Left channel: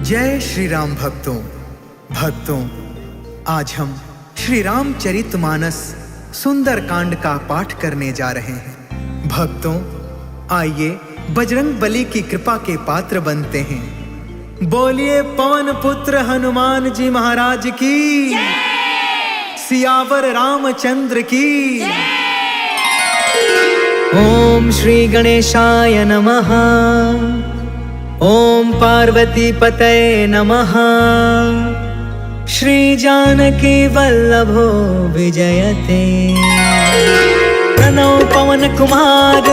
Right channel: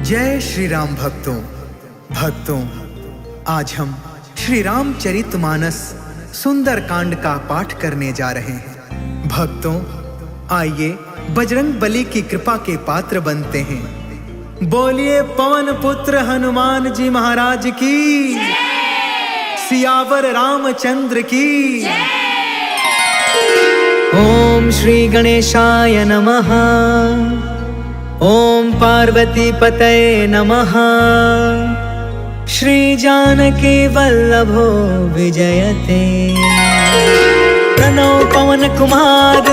जय श्री राम भक्तों, आज हम श्री रामचरितमानस सुंदर कांड का पाठ करने जा रहे हैं। भक्तों, आइए बजरंग बली की कृपा के पात्र बनते हैं। बोलिए पवन पुत्र हनुमान जी महाराज की, सियावर रामचंद्र की। ओम श्री गणेशाय नमः। ओम पार्वती पतये नमः। श्री जानकी वल्लभो विजयते। प्रणव पवन कुमार,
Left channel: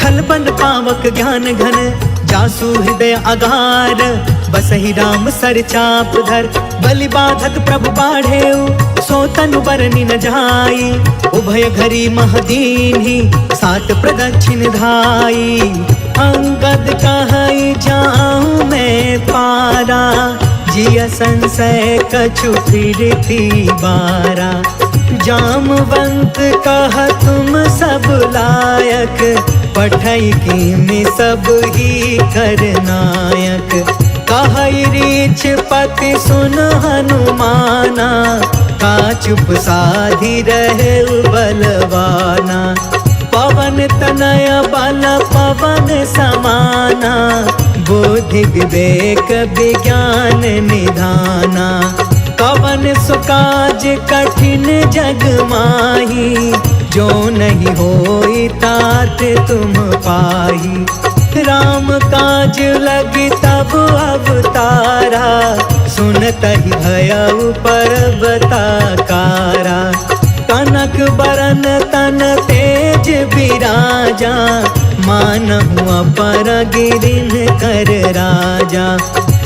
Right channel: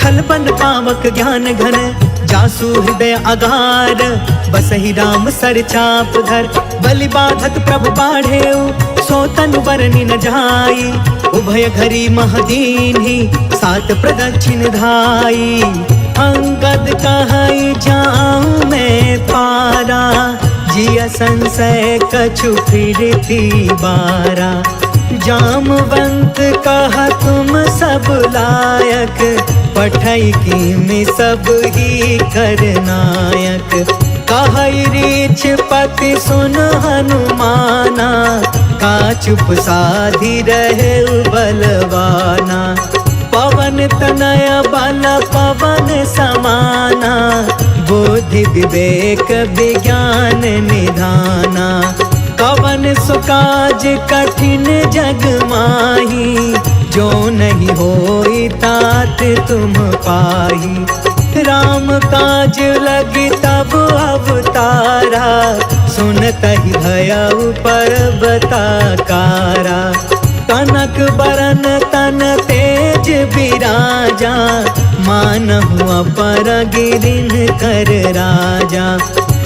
खलपन पावक ज्ञान घन, जासु हृदय अगार, बसहि राम सर चाप धर। बलि बाधत प्रभु बाढ़ेउ, सो तनु बरनि न जाई। उभय घरी महदीन्हि, सात प्रदक्षिण धाई। अंगद कहई जाऊं मैं पारा, जिया संशय कछु फिरती बारा। जामवंत कहा तुम सब लायक, पठई की में सब ही करनायक। कहई रीछ पति सुन हनुमाना, का चुप साधी रहे बलवाना। पवन तनय बल पवन समाना, बुद्धि विवेक विज्ञान निधाना। कवन सुकाज कठिन जग माही, जो नहीं होई तात तुम पाही। राम काज लगी तब अवतारा, सुनतहि भयउ पर्वताकारा। कनक बरन तन तेज बिराजा, मानहु अपर गिरिन कर राजा।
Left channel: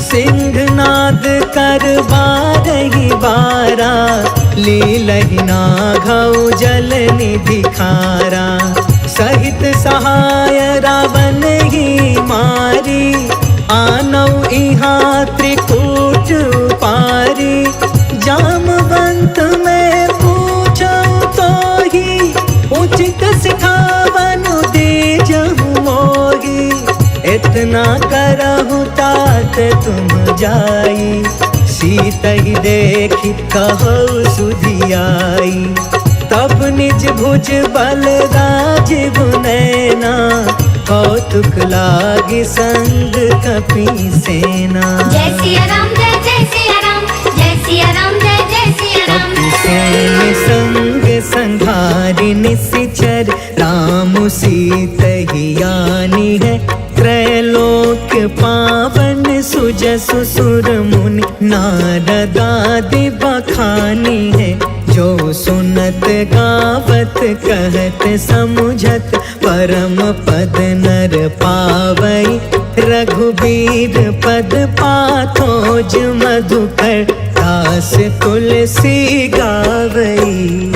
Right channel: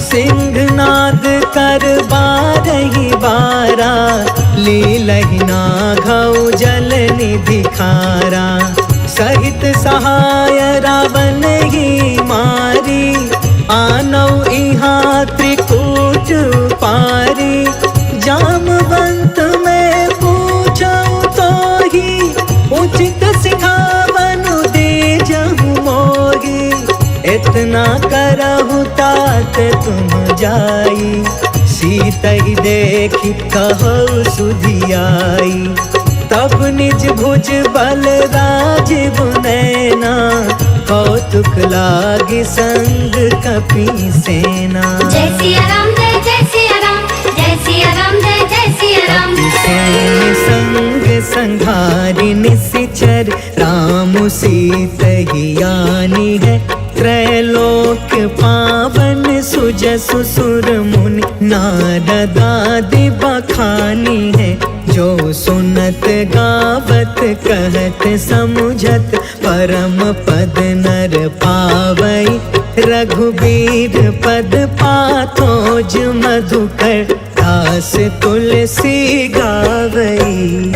सिंहनाद कर बारहि बारा, लीलहि नाघउ जल निधि खारा। सहित सहाय रावण ही मारी, आनौ इहाँ त्रिकूट पारी। जामवंत में पूछऊ तो ही, उचित सिखावनु दीजहु मोही। इतना करहु तात तुम जाई, सीतहि देखि कहु सुधियाई। तब निज भुज बल राजीव नैना, कौतुक लागी संग कपि सेना। जय सिया राम, जय जय सिया राम, जय सिया राम, जय जय सिया राम। कपि सेन संग संघारि निशिचर, राम सीतहि आनी है। त्रैलोक पावन सुजसु सुर मुनि, नारद आदि बखानी है। जो सुनत गावत कहत समुझत, परम पद नर पावई। रघुबीर पद पाथोज मधुकर, दास तुलसी गावई।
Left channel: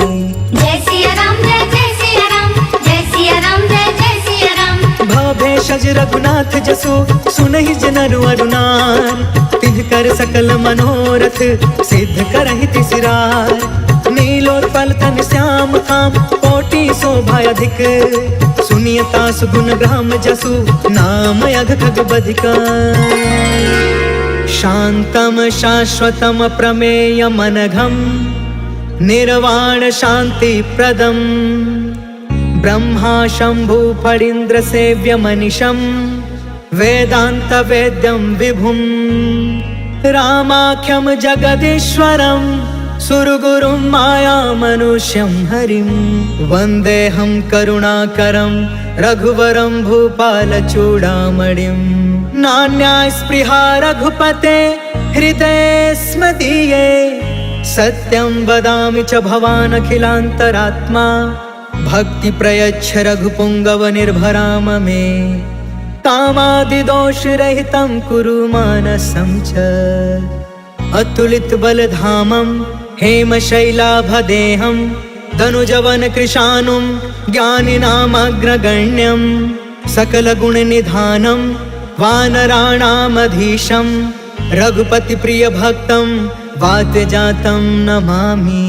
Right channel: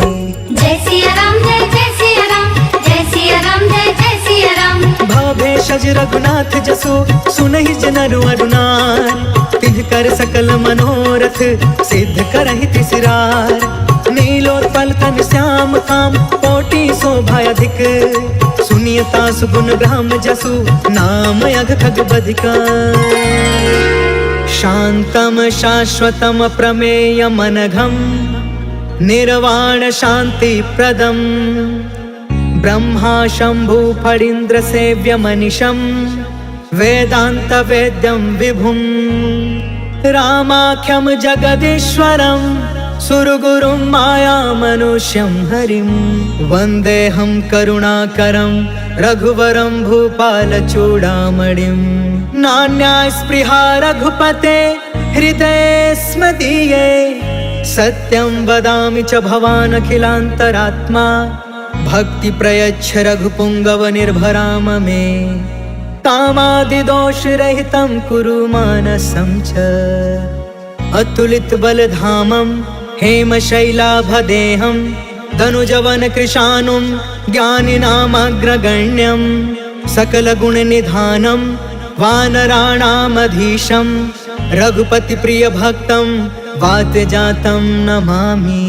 जय सिया राम, जय जय सिया राम, जय सिया राम, जय जय सिया राम। भव भेषज रघुनाथ जसु, सुनहि जनरु अरुनार। तिन्हकर सकल मनोरथ, सिद्ध करहि तिसरार। नीलोत्पल तन श्याम काम, कोटि शोभा अधिक। सुनियता सुगुण ब्रह्म जसु, नाम अघ खग बधिका। शांतम शाश्वतम प्रमेय मनघम, निर्वाण शांति प्रदम। ब्रह्मा शंभु फणीन्द्र सेव्य मनिषं, वेदांत वेद्यं विभुं। रामाख्यं जगदीश्वरं, सुरगुरुं माया मनुष्यं हरिं। वन्देऽहं करुणाकरं, रघुवरं भूपालचूडामणिं। नान्या स्पृहा रघुपते, हृदये स्म दीये। सत्यं वदामि च भवान् अखिलान्तरात्मा। भक्ति प्रयच्छ रघुपुंगव निर्भराम मे। कामादिदोष रहितं कुरु मानसं च। अतुलित बलधामं, हेम शैलाभदेहं। धनुजवन कृशानुं, ज्ञानिनामग्रगण्यं। सकल गुण निधानं, वानराणामधीशं। रघुपति प्रिय भक्तं, वातजातं नमामि।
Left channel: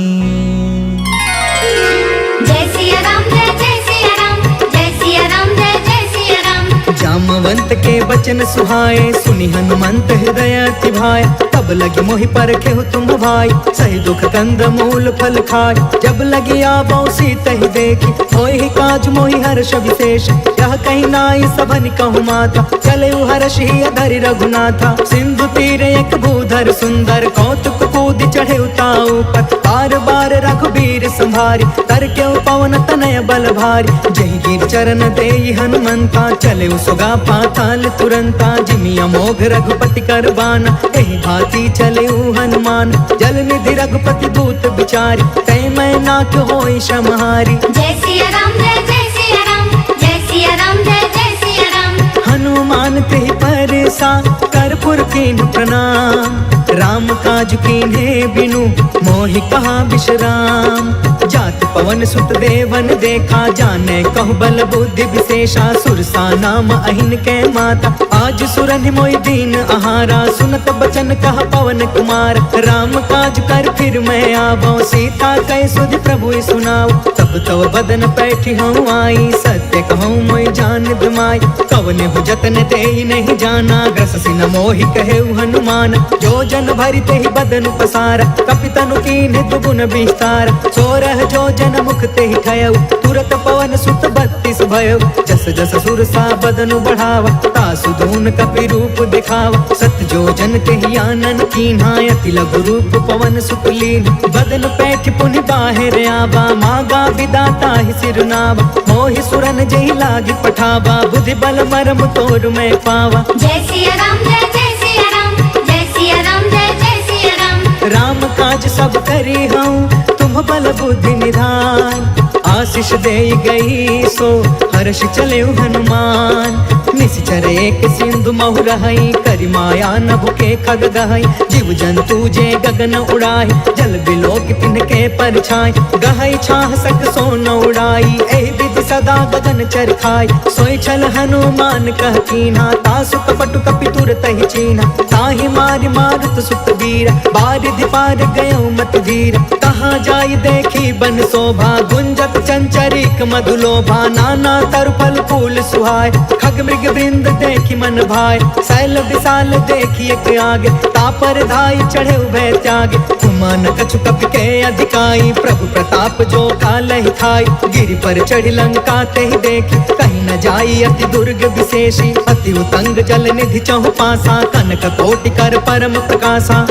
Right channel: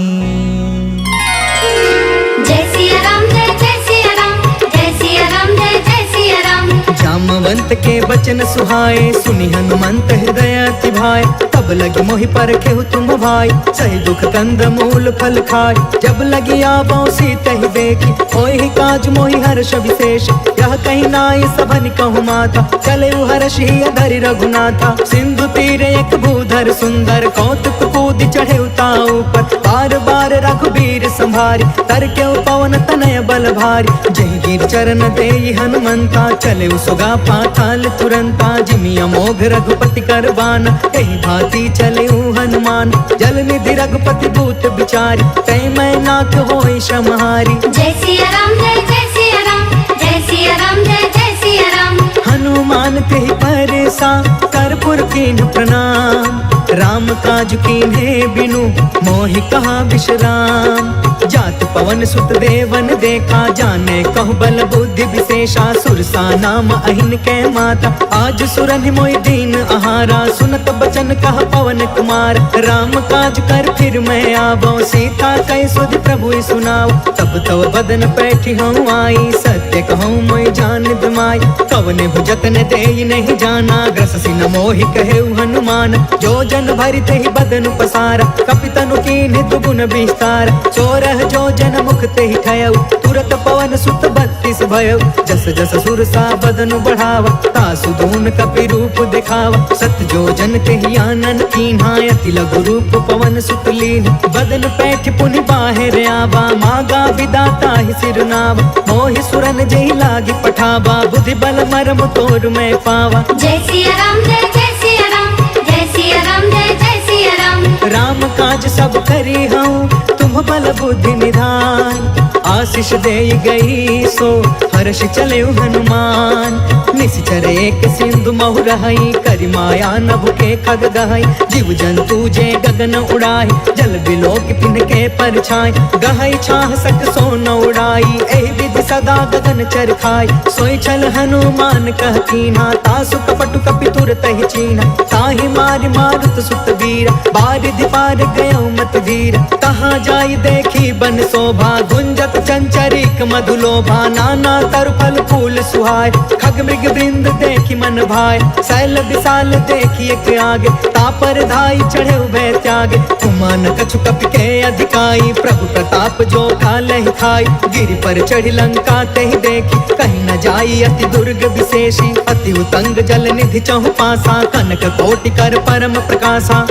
जय सिया राम, जय जय सिया राम, जय सिया राम, जय जय सिया राम। जामवंत के बचन सुहाए, सुनि हनुमंत हृदय अति भाए। तब लगी मोहि परखे तुम भाई, सही दुख कंद मूल फल खाए। जब लगी आवो सीत ही देखी, होहि काज मोहि हर्ष विशेष। यह कहीं नाई सबन कहु माथा, चले हर्ष ही अधरि रघुनाथा। सिंधु तीर एक भूधर सुंदर, कौतुक कूद चढ़े उताऊ पर। बार बार रघुबीर संभारी, तर के पवन तनय बल भारी। जही गिर चरण देई हनुमंता, चले सुगा पाताल तुरंता। जिमि अमोघ रघुपति कर बाना, एहि भांति चले हनुमान। जल निधि रघुपति दूत बिचारी, तै मैं नाथ होई समहारी। जय सिया राम जय जय सिया राम, जय सिया राम जय जय सिया राम। हनुमान तेहि परसा, कर्पूर कीन्ह प्रणाम। राम काज कीन्हे बिनु, मोहि कहा विश्राम। जात पवन सुत देवन देखा, जाने कहु बल बुद्धि विशेषा। सुरसा नाम अहिन के माता, आज सुरनि मोहि दीन आहारा। सुनत बचन कह पवन कुमार, राम काज कर फिर मैं आवो। सीता कह सुधि प्रभु सुनाओ, तब तब बदन पैठी हूँ आई। सत्य कहूँ मोहि जान दमाई, कवने हु जतन देई नहीं जाना। ग्रससि न मोहि कहे हनुमान, जो जन भरि तेहि बदनु पसारा। कपितनु कीन्ह दुगुन विस्तार, सोरह जो जन मुख तेहि ठयउ। तुरत पवन सुत 32 भयउ, जस जस सुरसा बदनु बढ़ावा। तासु दून कपि रूप दिखावा, सत जो जन तेहि आनन कीन्हा। अति लघु रूप पवन सुत लीन, बदन पैठ पुनि बाहिर आवा। मागा विदाता ही सिरनावा, मोहि सुरन जहि लागी पठावा। बुद्धि बल मरम तोर मैं पावा। जय सिया राम जय जय सिया राम, जय सिया राम जय जय सिया राम। राम काज सब करी हूँ, तुम बल बुद्धि निधान। आशीष दे गई सो, हर्ष चले हनुमान। निश्चर एक सिंधु महु रहई, करि माया नभ के खग गहई। जीव जंतु जे गगन उड़ाई, जल बिलोक तिनके परछाई। गहई छाह सक सो न उड़ाई, एहि विधि सदा गगन चर खाई। सोई छल हनुमान कह कीन्हा, तासु कपटु कपि तुरत ही चीन्हा। ताहि मारि मारुत सुत बीरा, बारिधि पार गयो मति धीरा। कहाँ जाई देखी बन शोभा, गुंजत चंचरिक मधुलोभा। नाना तरु फल फूल सुहाय, खग मृग वृंद देखी मन भाय। शैल विशाल देखी एक आगे, तापर धाई चढ़े उभय त्यागे। कुमान कछु कपि के अधिकाई, प्रभु प्रताप जो कालहि थाई। गिरि पर चढ़ी लंका तेहि देखी, कहीं न जाई अति दुर्ग विशेषी। अति उतंग जल निधि चहु पासा, कनक कोटि कर परम प्रकाशा।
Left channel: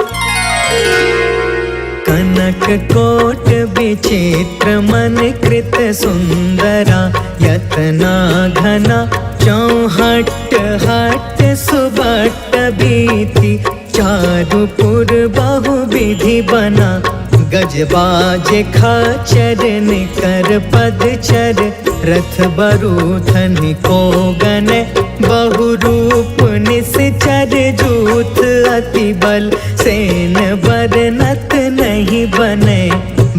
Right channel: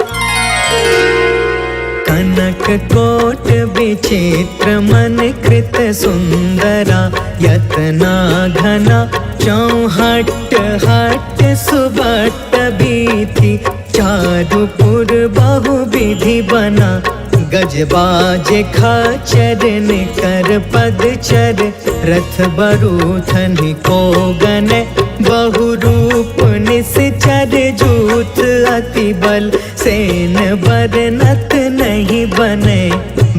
कनक कोट विचित्र मन कृत सुंदरा। यतना घना चौहट हट सुबट बीथी। चारुपुर बहु विधि बना, गजबाज खचर निकर पदचर। रथ बरूथन को गन, बहु रूप निश्चर। जूथ अति बल, सेन बरनत नहीं बने।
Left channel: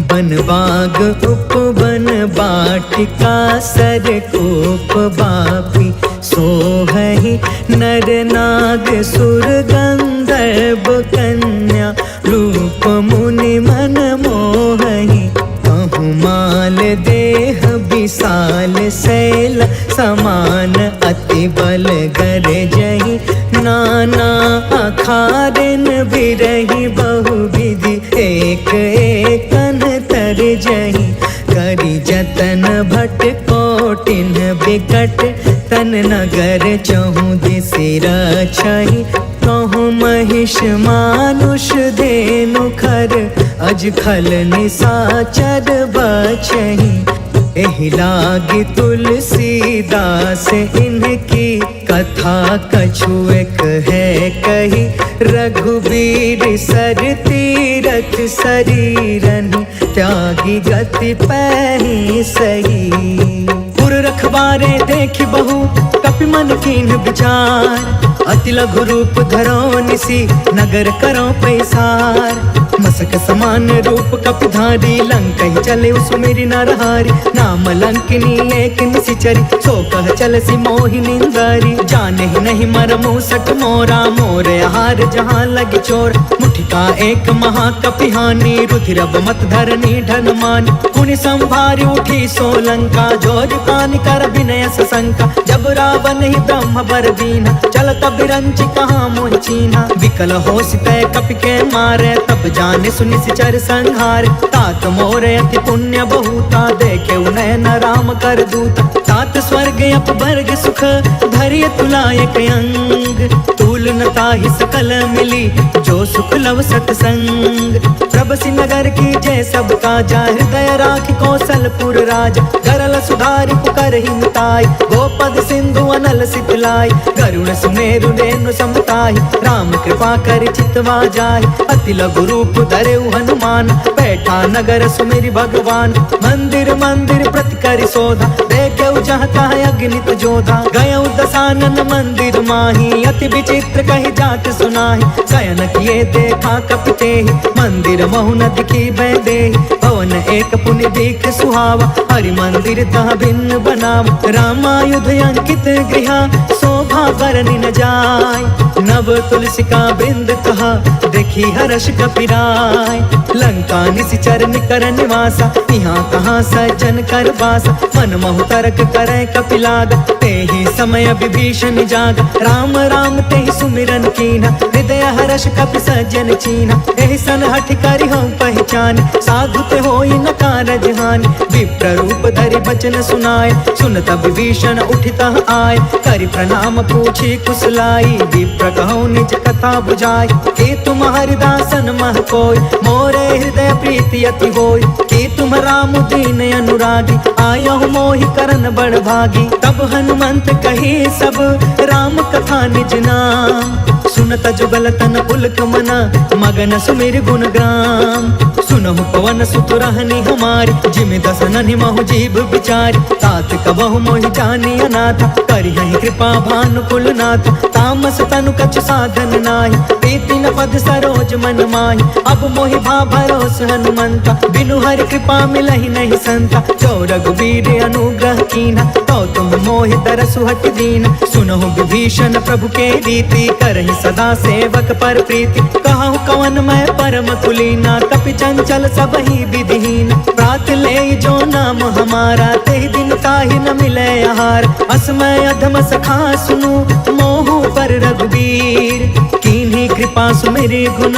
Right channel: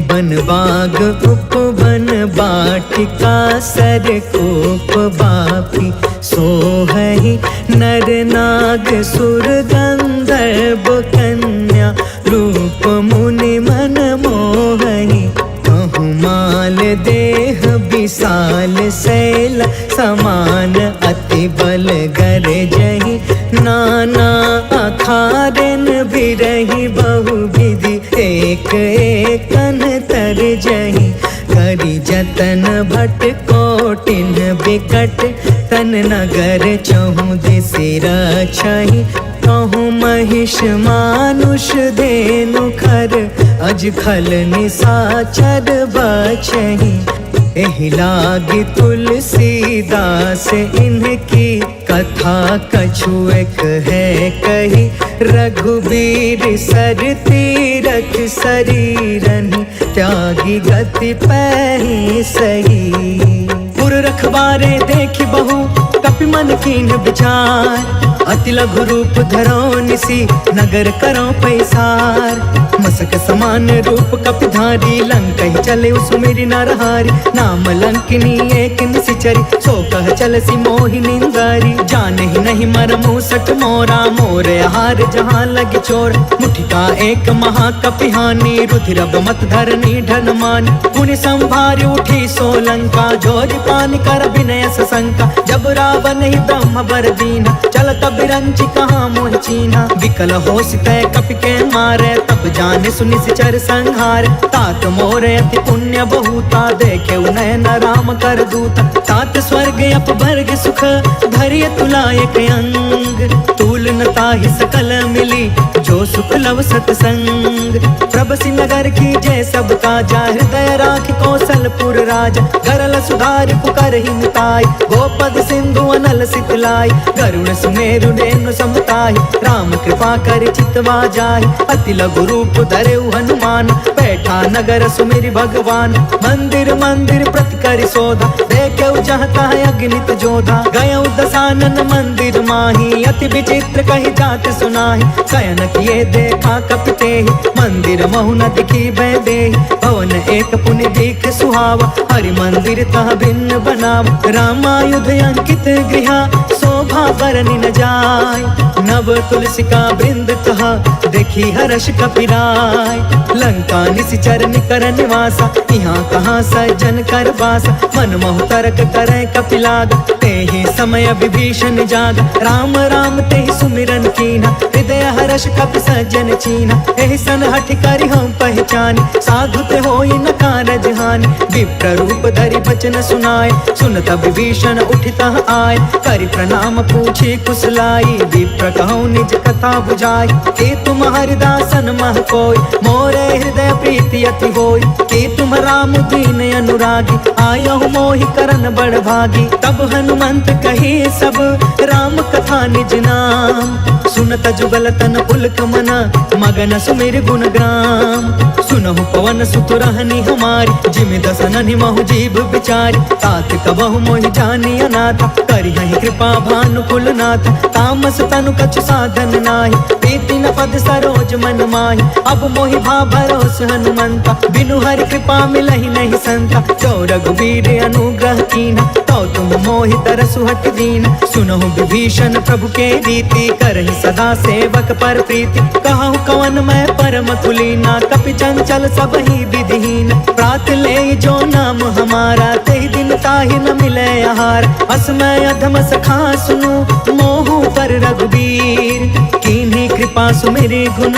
बन बाग उपवन बाटिका, सर कोप बापी। सोहहि नर नाग सुर गंधर्व कन्या। रूप मुनि मन मोहहि, कहूँ माल देह विशाल शैल। समान अति बल गर जही, नाना अखारन बिरही। बहु विधि एक एकन तर जही। करि जतन भट कोटिन बिकट, तन नगर चहु दिसि रछहि। कहूँ महिष मानुष धेनु खर, अज खल निसाचर बचहि। एहि लागी तुलसीदास इनकी, कथा कछु एक है कही। रघुबीर सर तीरथ शरीरनि, त्यागी गति पैहि सही। पुर रखवारे देखि बहु, कपि मन कीन्ह विचार। अति लघु रूप धरो निसी नगर करो पैसार। मसक समान रूप कपिधारी लंका ही चले सुमेरी नरहारी। नाम लंकिनी एक निशिचरी सो कह चल सी मोहि निंदारी। जाने ही नहीं मरमु सट मोरा मोर आहार जहाँ लगी चोर। मुठिका एक महाकपिहानी रुधिरब मत धरनी ढन मान। पुनि संभारी उठी सोलंका जोरी पानी कर विनय सशंका। जब रावण ही ब्रह्म बर दीना चल तब रंची कहाँ मोहि चीन्हा। विकल हो सितय कपि के मारे तब जाने सुनि सिचर संहार। तात मोर अति पुण्य बहुता देखे नयन राम कर दूता। तात स्वर्ग अपवर्ग सुख धरिय तुलायक अंग। तूल न ताहि सकल मिली जो सुख लव सतसंग। प्रभसी नगर की जय सब काजा हृदय राखि कौशलपुर राजा। गरल सुधारि पुकर ही मिताई गोपद सिंधु अनल सितलाई। गरुण सुमेरु रेणु समताहि राम कृपा कर चितवा जाहि। अति लघु रूप धरेउ हनुमान बैठा नगर सुमेरि भगवान। मंदिर मंदिर प्रति करि शोधा देखेउ जहाँ तहाँ अगणित जोधा। गयउ दसानन मंदिर माही अति विचित्र कही जात सुनाही। शयन किए देखा कपितेहि मंदिर महु न दिखी बैदेहि। भवन एक पुनि दिख सुहावा हरि मंदिर तह भिन्न बनावा। रामायुध अंकित गृह शोभा बरनि न जाय। नव तुलसिका बृंद तह देखी हर्ष कपिराय। लंका निशिचर निकर निवासा यहाँ कहाँ सज्जन कर बासा। मन महु तर्क करे कपिलागा तेहि समय विभीषण जागा। राम राम तेहि सुमिरन कीन्हा हृदय हर्ष कपि सज्जन चीन्हा। एहि सन हठ करि हम पहचान साधु ते होई न कारज हानि। विप्र रूप धरि बचन सुनाए सुनत विभीषण उठितः आए। करि प्रणाम पूछी कुशलाई विप्र कहूँ निज कथा बुझाई। कि तुम हरिदासन मह कोई मोरे हृदय प्रीति अति होई। कि तुम राम दीन अनुरागी आयहु मोहि करन बड़ भागी। तब हनुमंत कही सब राम कथा निज नाम। सुनत जुगल तन पुलक मना मगन सुमिर गुण ग्राम। सुनहु पवन सुत रहनी हमारी जिमि दसननि महु जीव बिचारी। तात कबहु मोहि जानी अनाथा करिहहि कृपा भानु कुलनाथा। तामस तनु कछु साधन नाही प्रीति न पद सरोज मन माही। अब मोहि भा भरोस हनुमंता बिनु हरि कृपा मिलहि नहीं संता। जो रघुबीर अनुग्रह कीन्हा तो तुम मोहि तरसु हट दीना। सुनहु विभीषण प्रभु के रीति करहि सदा सेवक पर प्रीति। कहूँ कवन मैं परम कुलीना कपि चंचल सब ही विधिहीन। प्रात ले जो नाम हमारा तेहि दिन ताहि न मिले आहार। असमय अधम सखा सुनु मोहु पर रघुबीर। कीन्ही कृपा सुमेरि गुण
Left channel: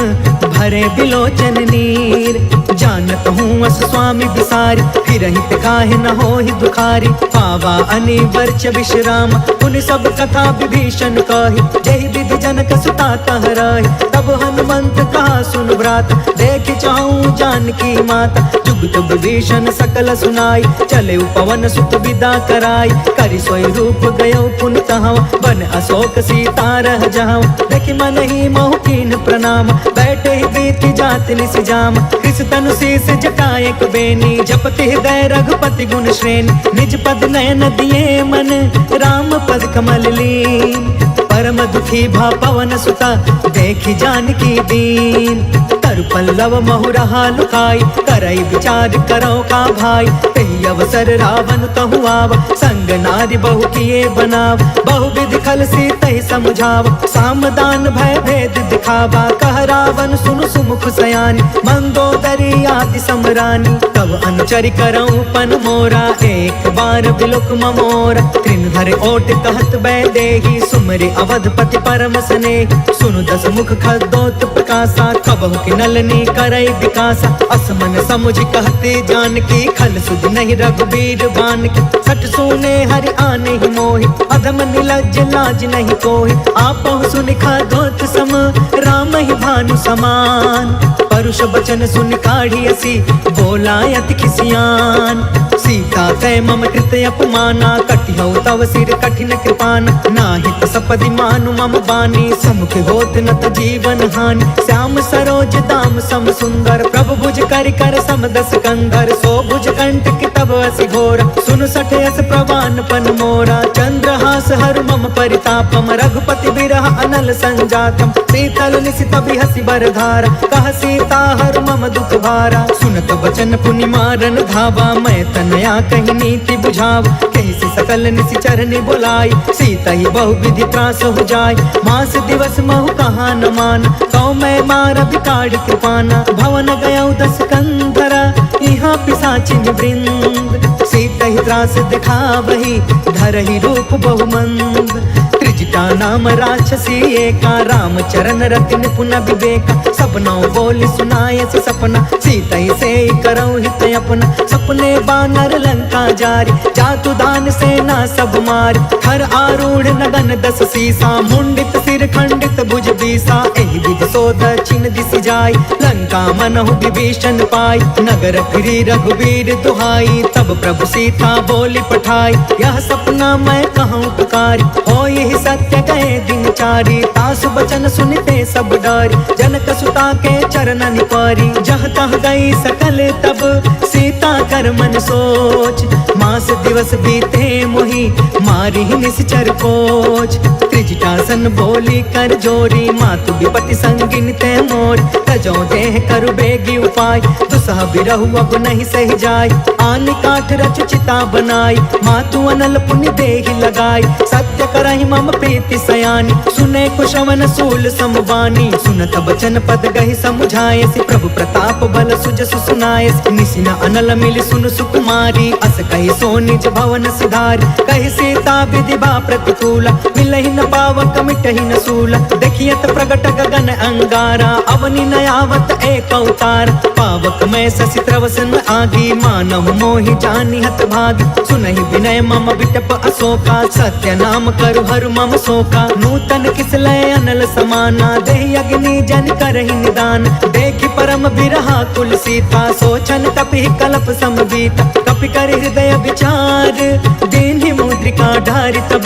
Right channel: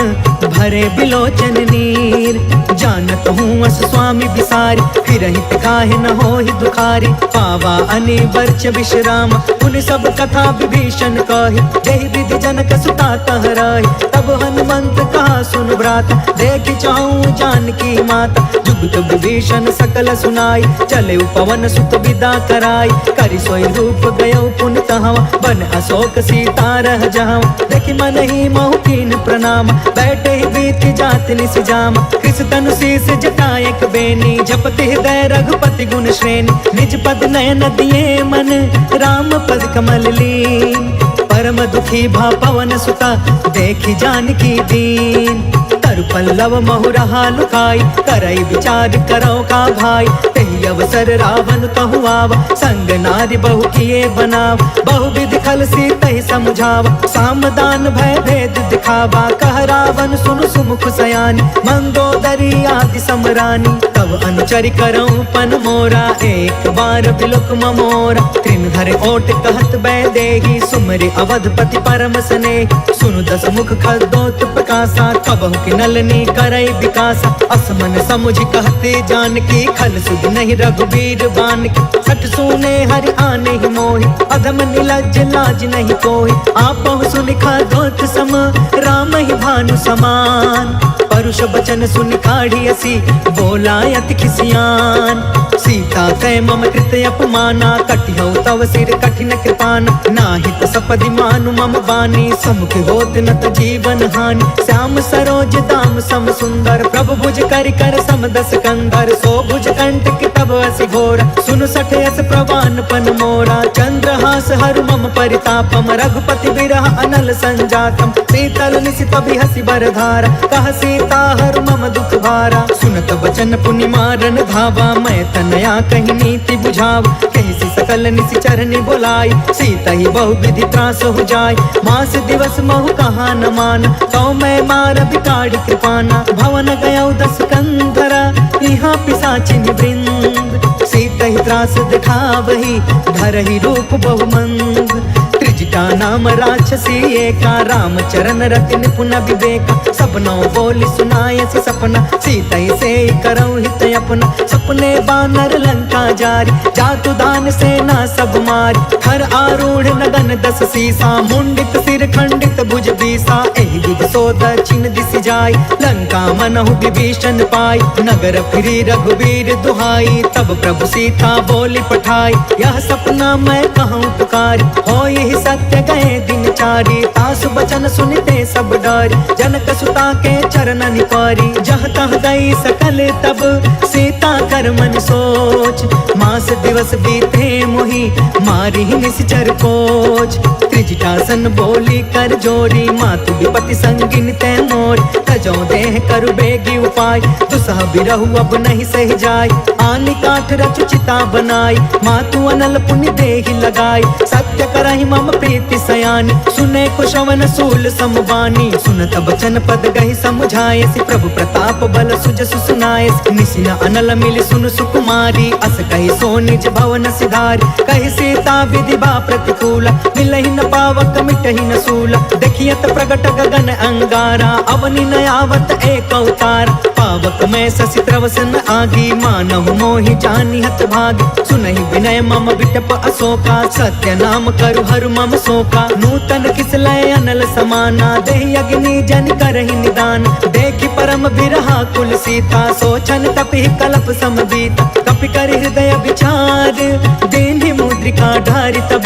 भरे बिलोचन नीर। जानत हूँ अस स्वामी बिसारी फिरहि ते काहे न होहि दुखारी। पावा अनि वर्ष विश्राम उन सब कथा विभीषण कही। जहि विधि जनक सुता कह रही तब हनुमंत कहा सुन भ्राता। देख चाहूं जानकी माता जुगत विभीषण सकल सुनाई। चले पवन सुत विदा कराई करि सोई रूप गयो पुनि तहवा। बन अशोक सीता रह जहाँ देखि मन ही महु कीन प्रणाम। बैठे ही बीती जात निसि जाम कृष तनु शीस जटायक बेनी। जपति हृदय रघुपति गुण श्रेणी निज पद नयन दिए मन राम पद कमल लीन। परम दुखी भा पवन सुता देखी जानकी दीन। तरु पल्लव महु रहा लुकाई करई विचार करो का भाई। तेहि अवसर रावण तहु आवा संग नारी बहु किए बनाव। बहु विधि खल सी तहि समझावा सामदान भय भेद दिखावा। कह रावण सुनु सुमुख सयानी मंदोदरी आदि समरानी। तब अनुचरि करऊं पन मोरा एक बार बिलोक ममोरा। त्रिन धरे ओट कहत बैदेही सुमरि अवधपति परम स्नेही। सुनु दस मुख खदोत प्रकाशा कबहु कि नलनी करई विकासा। असमन समुझ कहते जानकी खल सुध नहीं रघुबीर बान की। सठ सुने हरि आने ही मोहि अधम निलज्ज लाज नहीं कोहि। आपहु सुनि खदोत सम राम ही भानु समान। परुष बचन सुनि काढ़ी असी बोला अति खिसियान। सीता कै मम कृत अपमाना, कटिहौ तव सिर कठिन कृपान। नाहित सपदि मानु मम बानी, समुख होत न त जीवन हानि। श्याम सरोज दाम सम सुंदर, प्रभु भुज करि कर सम दस कंधर। सो भुज कंटक तब असि घोर, सुन सठ यस प्रवान पन मोरा। चंद्रहास हरु मम परितापम, रघुपति बिरह अनल संजातम। शीतल निशित बिहसि बर धारा, कह सीता हरु मम दुख भारा। सुनत बचन पुनि मारन धावा, मैं तनया कही नीति बुझाव। कहि सकल निशिचर नि बोलाई, सीता ही बहु विधि त्रास हो जाय। मास दिवस महु कहा न मान, तो मैं मार बिकाढ़ी कृपाना। भवन गयौ दस कंधरा, यहाँ पिशाचिन वृंद। सीता ही त्रास दिखावही, धरहि रूप बहुमंद। त्रिजटा नाम राक्षसी एका, राम चरण रति निपुण विवेका। सपनौ बोली सुनायसि सपना, सीता ही से करौ हित अपना। सपने बानर लंका जारी, जातु दान सेना सब मारी। थर आरूढ़ नगन दस सीसा, मुंडित सिर खंडित भुज बीसा। एहि विधि सो दक्षिण दिशि जाय, लंका मनहु विभीषण पाई। नगर फिरी रघुबीर दुहाई, तब प्रभु सीता बोली पठाई। यह सपना मैं कहूँ पुकारी, हो यही सत्य गए दिन चारी। तासु बचन सुनते सब डरी, जनक सुता के चरण निपारी। जह तह गई सकल तब, सीता कर मन सोच। मास दिवस बीते मोहि, मारी निश्चर कोच। त्रिजटासन बोली कर जोरी, मातु विपति संगिन ते मोर। तजो देह करु बेगी उपाय, दुसह बिरहु अब नहीं सह जाय। आनि काठ रचु चिता बनाई, मातु अनल पुनि देहि लगाई। सत्य करहि मम प्रीति सयानी, सुने कुशवन सूल समबानी। सुनत बचन पद गहि समुझायसि, प्रभु प्रताप बल सुजसु सुनायसि। निसिन अनल मिलि सुनु सुकुमारी, अस कहि सो निज भवन सिधारी। कहि सीता विधि बा प्रतिकूला, मिलहि न पावक मिटहि न सूला। देखियत प्रगट गगन अंगारा, अवनि न आवत एक अवतार। पावक मैं शशि त्रवसन आगी, मानहु मोहि जानि हत भागी। सुनहि विनय मम बिटप अशोका, सत्य नाम करु हरु मम शोका। नूतन किसलय अनल समाना, देहि अग्नि जन करहि निदान। देखि परम बिरहा कुल सीता, सोचन कपि कलप सम बीता। कपि कर हृदय विचार, दीन्हि मुद्रिका ढारि तब।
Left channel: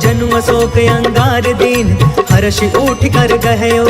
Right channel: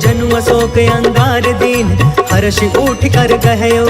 जनु अशोक अंगार दीन, हर्षि उठ कर गहयो।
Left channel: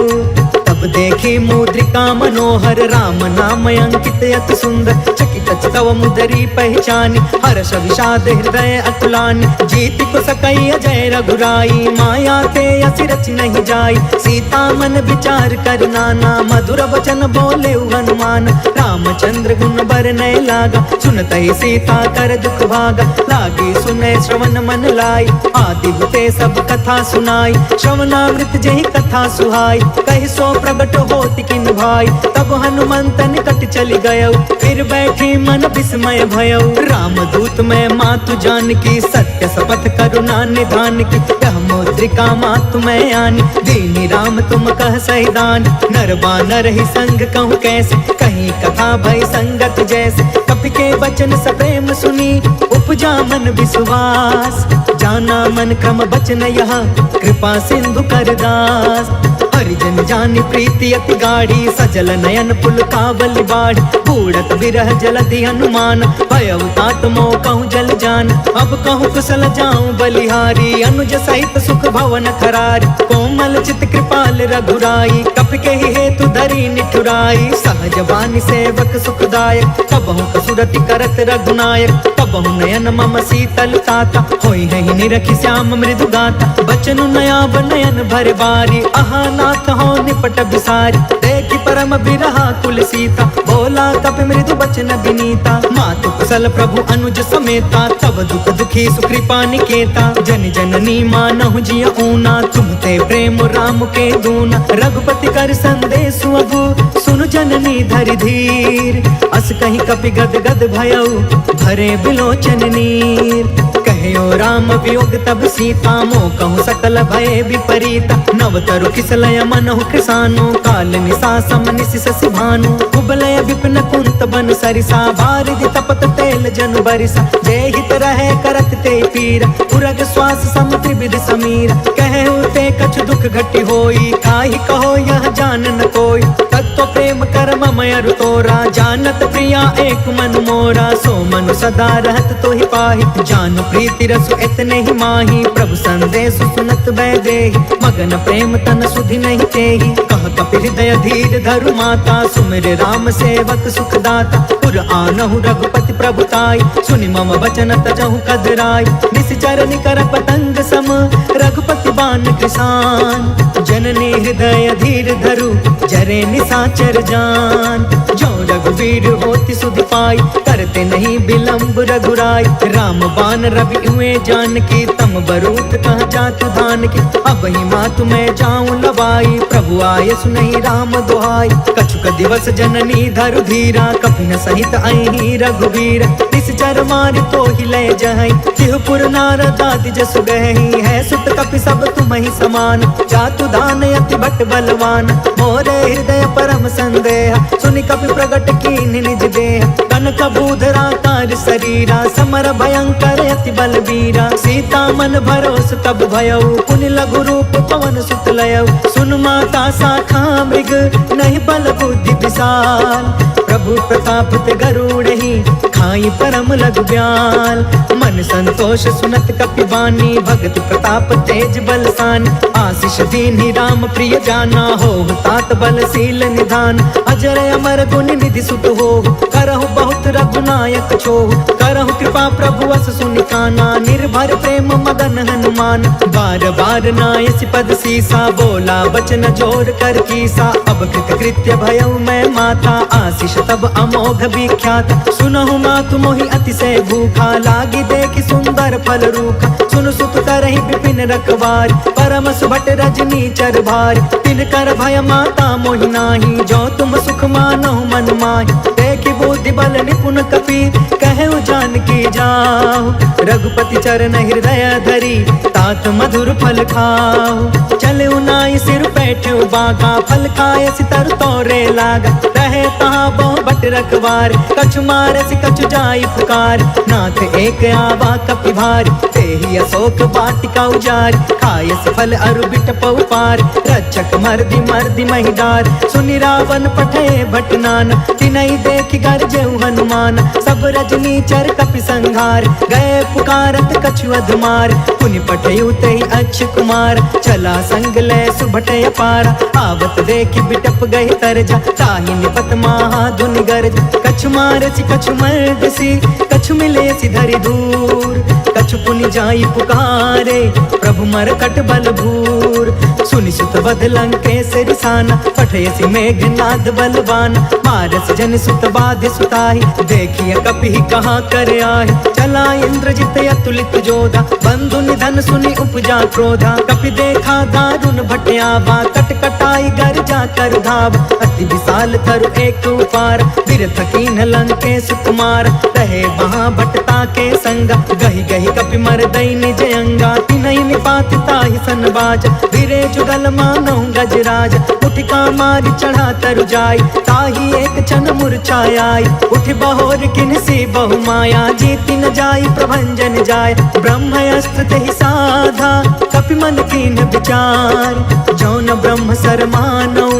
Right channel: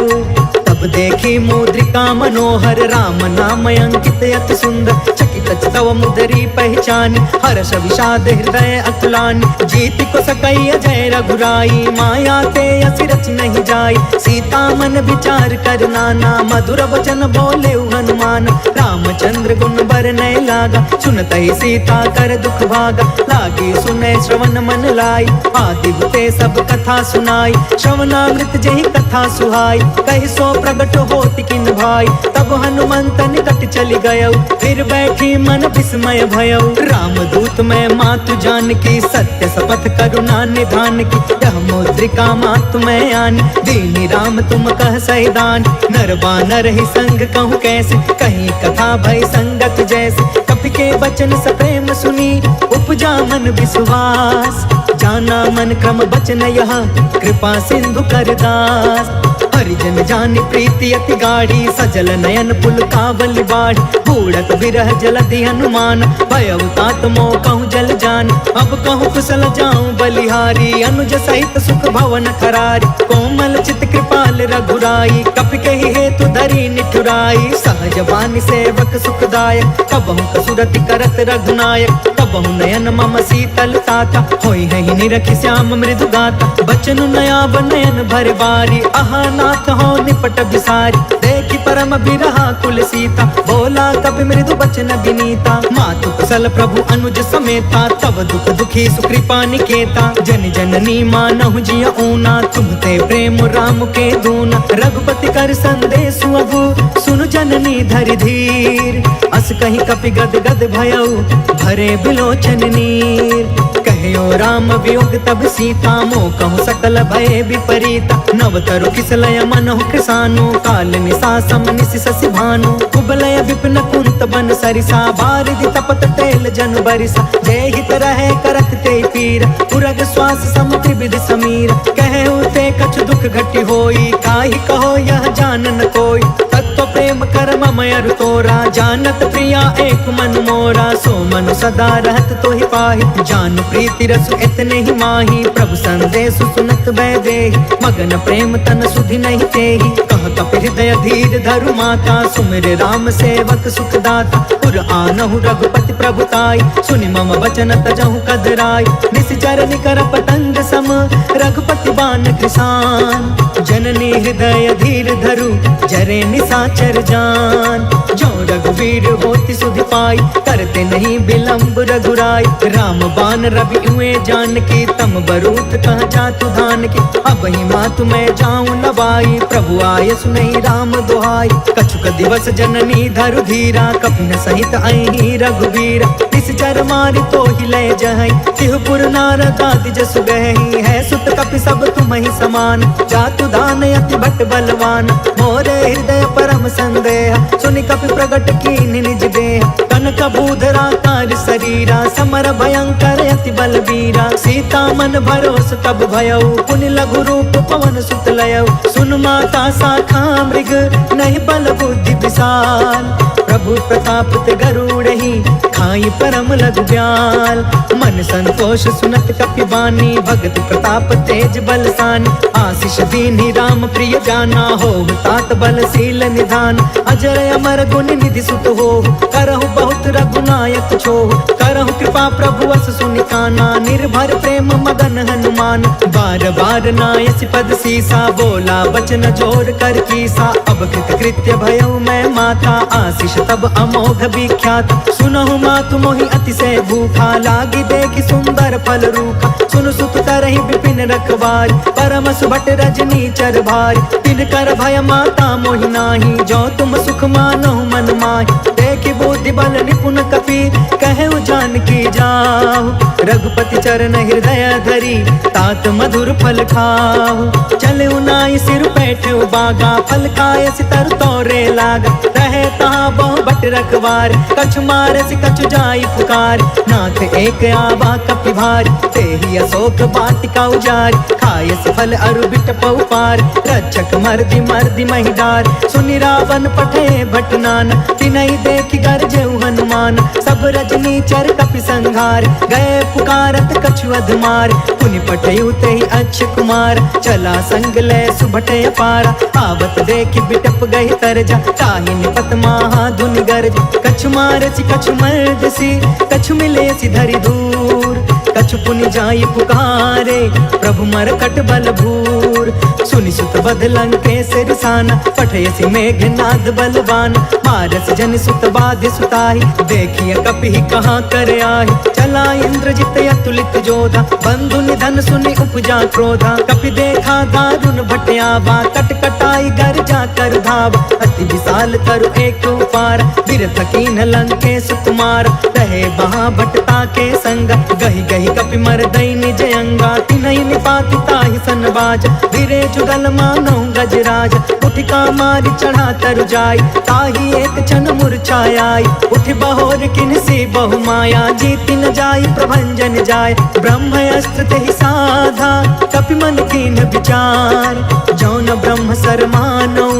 तब देखी मुद्रिका मनोहर, राम नाम अंकित अति सुंदर। चकित तव मुदरी पहचानी, हर्ष विषाद हृदय अकुलानी। जीति को सकई अजय रघुराई, माया ते असि रच नहीं जाई। सीता मन विचार कर नाना, मधुर वचन बोले हनुमान। रामचंद्र गुण बरनय लागा, सुनत ही सीता कर दुख भागा। लागी सुने श्रवण मन लाई, आदि हुते सब कथा सुनाई। श्रवणामृत जही कथा सुहाई, कहि सो प्रगट होति किन भाई। तब हनुमंत निकट चली गयो, फिर बैठी मन विस्मय भयो। राम दूत मैं मातु जान की, सत्य शपथ करुणा निधान की। यह मुद्रिका मातु मैं आनी, दीनी राम तुम कह सहिदान। नर बानर ही संग कहूँ कैसे, कहीं कथा भई संगत जैसे। कपि के बचन सप्रेम सुनी, उपजा मन विश्वास। जाना मन क्रम बचन यह, कृपा सिंधु कर दास। हरिजन जानि प्रीति अति गाढ़ी, सजल नयन पुल कावली बाढ़। बूढ़त बिरह जलधि हनुमान, भयउ तात मोह कहूँ जल जान। अब कहूँ कुशल जाऊं बलिहारी, अनुज सहित सुख भवन खरारी। कोमल चित कृपाल रघुराई, कपि कहि हेतु धरी निठुराई। सहज बानी सेवक सुखदायक, कबहु कसुरति करत रघुनायक। कबहु नयन मम शीतल ताता, होई है निरखि श्याम मृदु गाता। बचनु नयाब नयन भर बारी, आहा नाथ हो निपट बिसारी। देखि परम बिरहा कुल सीता, बोला कपि मृदु बचन विनीता। मातु कुशल प्रभु अनुज समेता, तब दुख दुखी सुकृपा निकेता। जन जननी मानहु जिय ऊना, तुम ते प्रेम राम के दूना। रघुपति कर संदेश अगु, सुनु जननी धरि धीर। अस कहीं कपि गद गद भयउ, भरे बिलोचन नीर। कहो राम वियोग तब सीता, मोह कहूँ सकल भय विपरीता। नव तरु किसलय मनहु कृसानु, काल निसा सम निसि शशि भानु कुबलय विपिन कुंत बन सरिसा बारिधि तपत तेल जनु बरिसा जय हित रहे करत ते पीरा उरग श्वास सम त्रिविध समीरा कहु ते कछु दुख घटी होई काहि कहो यह जान न कोई तत्व प्रेम कर मम अरु तोरा जानत प्रिया एक मनु मोरा सो मनु सदा रहत तो ही पाहि जानु प्रीति रसु इतने ही माही प्रभु संदेश सुनत बै देहि मगन प्रेम तन सुधि नहीं तेहि कह कपि हृदय धीर धरु माता सुमिर राम सेवक सुख दाता पुर आनहु रघुपति प्रभुताई सुनि मम वचन तजहु कदराई निश्चर निकर पतंग सम रघुपति बान कृसान जननी हृदय धीर धरु जरे निसाचर जान जो रघुवीर होति सुधि पाई करते नहीं विलंब रघुराई राम बान रवि हुए जान की तम बरूत कह जातु धान की अब ही मातु मैं जाऊं लवाई प्रभु आय सुनहि राम दोहाई कछुक दिवस जननी धरु धीरा कपिन सहित आई रघुवीर निश्चर मारि तो ही लय जहई तिहुपुर नारद आदि जसु गहई है सुत कपि सब तुम ही समान जातु दान अति भट बलवान मोरे हृदय परम संदेह सुनि कपि प्रगट कीन निज देह कनक भूधरा कार शरीरा समर भयंकर अति बलबीरा सीता मन भरोस तब भयउ पुनि लघु रूप पवन सुत लयउ सुन माता शाखा मृग नहीं बल बुद्धि विशाल प्रभु प्रताप ते गरुड़हि खाई परम लघु ब्याल मन संतोष सुनत कपि बानी भगति प्रताप तेज बलसानी आशीष दीन्हि राम प्रिय जाना हो तात बलशील निधान अजर अमर गुण निधि सुत हो करहु बहुत रघुनायक छोह करहु कृपा प्रभु अस सुनि काना निर्भर प्रेम मगन हनुमान बार बार नायसि पद सीसा बोला बचन जोर कर कीसा अब कृत कृत्य भयउ मैं माता आशीष तब अमोघ विख्यात सुनहु मातु मोहि अतिशय भूखा लागी देखि सुंदर फल रूखा सुन सुत करहि विपिन रखवार परम सुभट रजनी चर भार तिन कर भय माता मोहि नाही जो तुम सुख मानहु मन माहि देखि बुद्धि बल निपुण कपि कहु जान की जाहु रघुपति चरण हृदय धरी तात मधुर फल खाहु चले नाई सिर बैठे बागा फल खाए सितर तोरे लागा रहे तहाँ बहु बट रखवार कछु मारे सि कछु जाई पुकार नाथ एक आवा कपि भार ते ही अशोक बाटिका उजार खाए फल अरु बिट पार रक्षक मर्दी मर्दी महिडार सुनि रावण पठे भटनान तिनहि देखि गरजेउ हनुमान सब रजनी चर कपि संघार गए पुकारत कछु अधमार पुनि पठयु तेहि अच्छ कुमार चला संग ले सुभट अपारा आवत देखि बिटप गहि तरजा ताहि निपत महा धुनि गरज कछु मारसी कछु मर्दसी कछु मिलेसी धरि दूर कछु पुनि जाई पुकारे प्रभु मरकट बल भूर सुनि सुत बध लंकेश रिसाना पठयसी मेघनाद बलवान मारस जन सुत बाधे सुताहि देखिए कपि कहाँ कर आहि चला इंद्रजित अतुलित जोधा बंधु निधन सुनि उपजा क्रोधा कपि देखा दारुण भटयावा कट कटाई गर जा कर धाव अति विशाल तरु एक उपार बिरथ कीन लंकेश कुमार रहे वहाँ भटता के संगा गही गही कपि मर दई निज अंगा तिनहि निपाति ताहि सन बाज बिरे जुगल मानो गजराज उठिका मारी चढ़ा तरु जाय ताहि एक क्षण मूर्छाई उठ बहोर किनसी बहु माया जीति न जाय प्रभंजन जाय ब्रह्म अस्त्र तेहि साधा कपि मन कीन विचार जौन ब्रह्म सर मानौ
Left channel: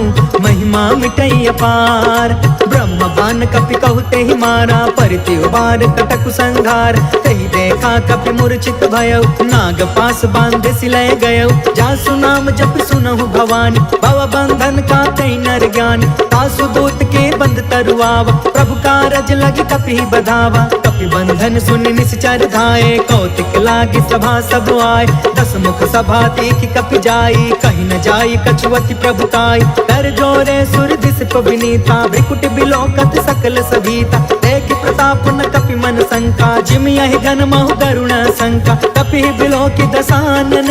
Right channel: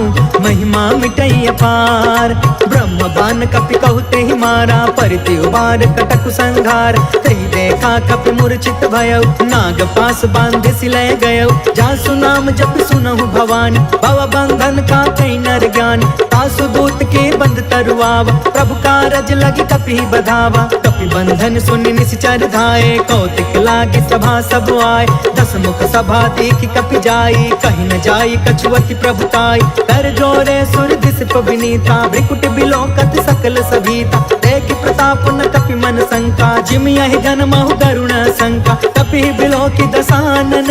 महिमा मिटई अपार ब्रह्म बान कपि कहु तेहि मारा परिति उबार कटकु संघार तेहि देखा कपि मूर्छित भयउ नाग पास बांधे सिलय गयउ जासु नाम जप सुनहु भवानी भव बंधन का कई नर ज्ञान तासु दूत के बंध तरुआवा प्रभु कारज लगी कपि बधावा कपि बंधन सुनि निश्चर धाये कौतिक लागी सभा सब आए दस मुख सभा देखि कपि जाई कहीं न जाई कछुअति प्रभुताई कर जोरे सुर दिस विनीता भ्रिकुट बिलोकत सकल सभीता देखि प्रताप न कपि मन शंका, जिम यहि गण महु गरुण शंका, कपि बिलो की दसानन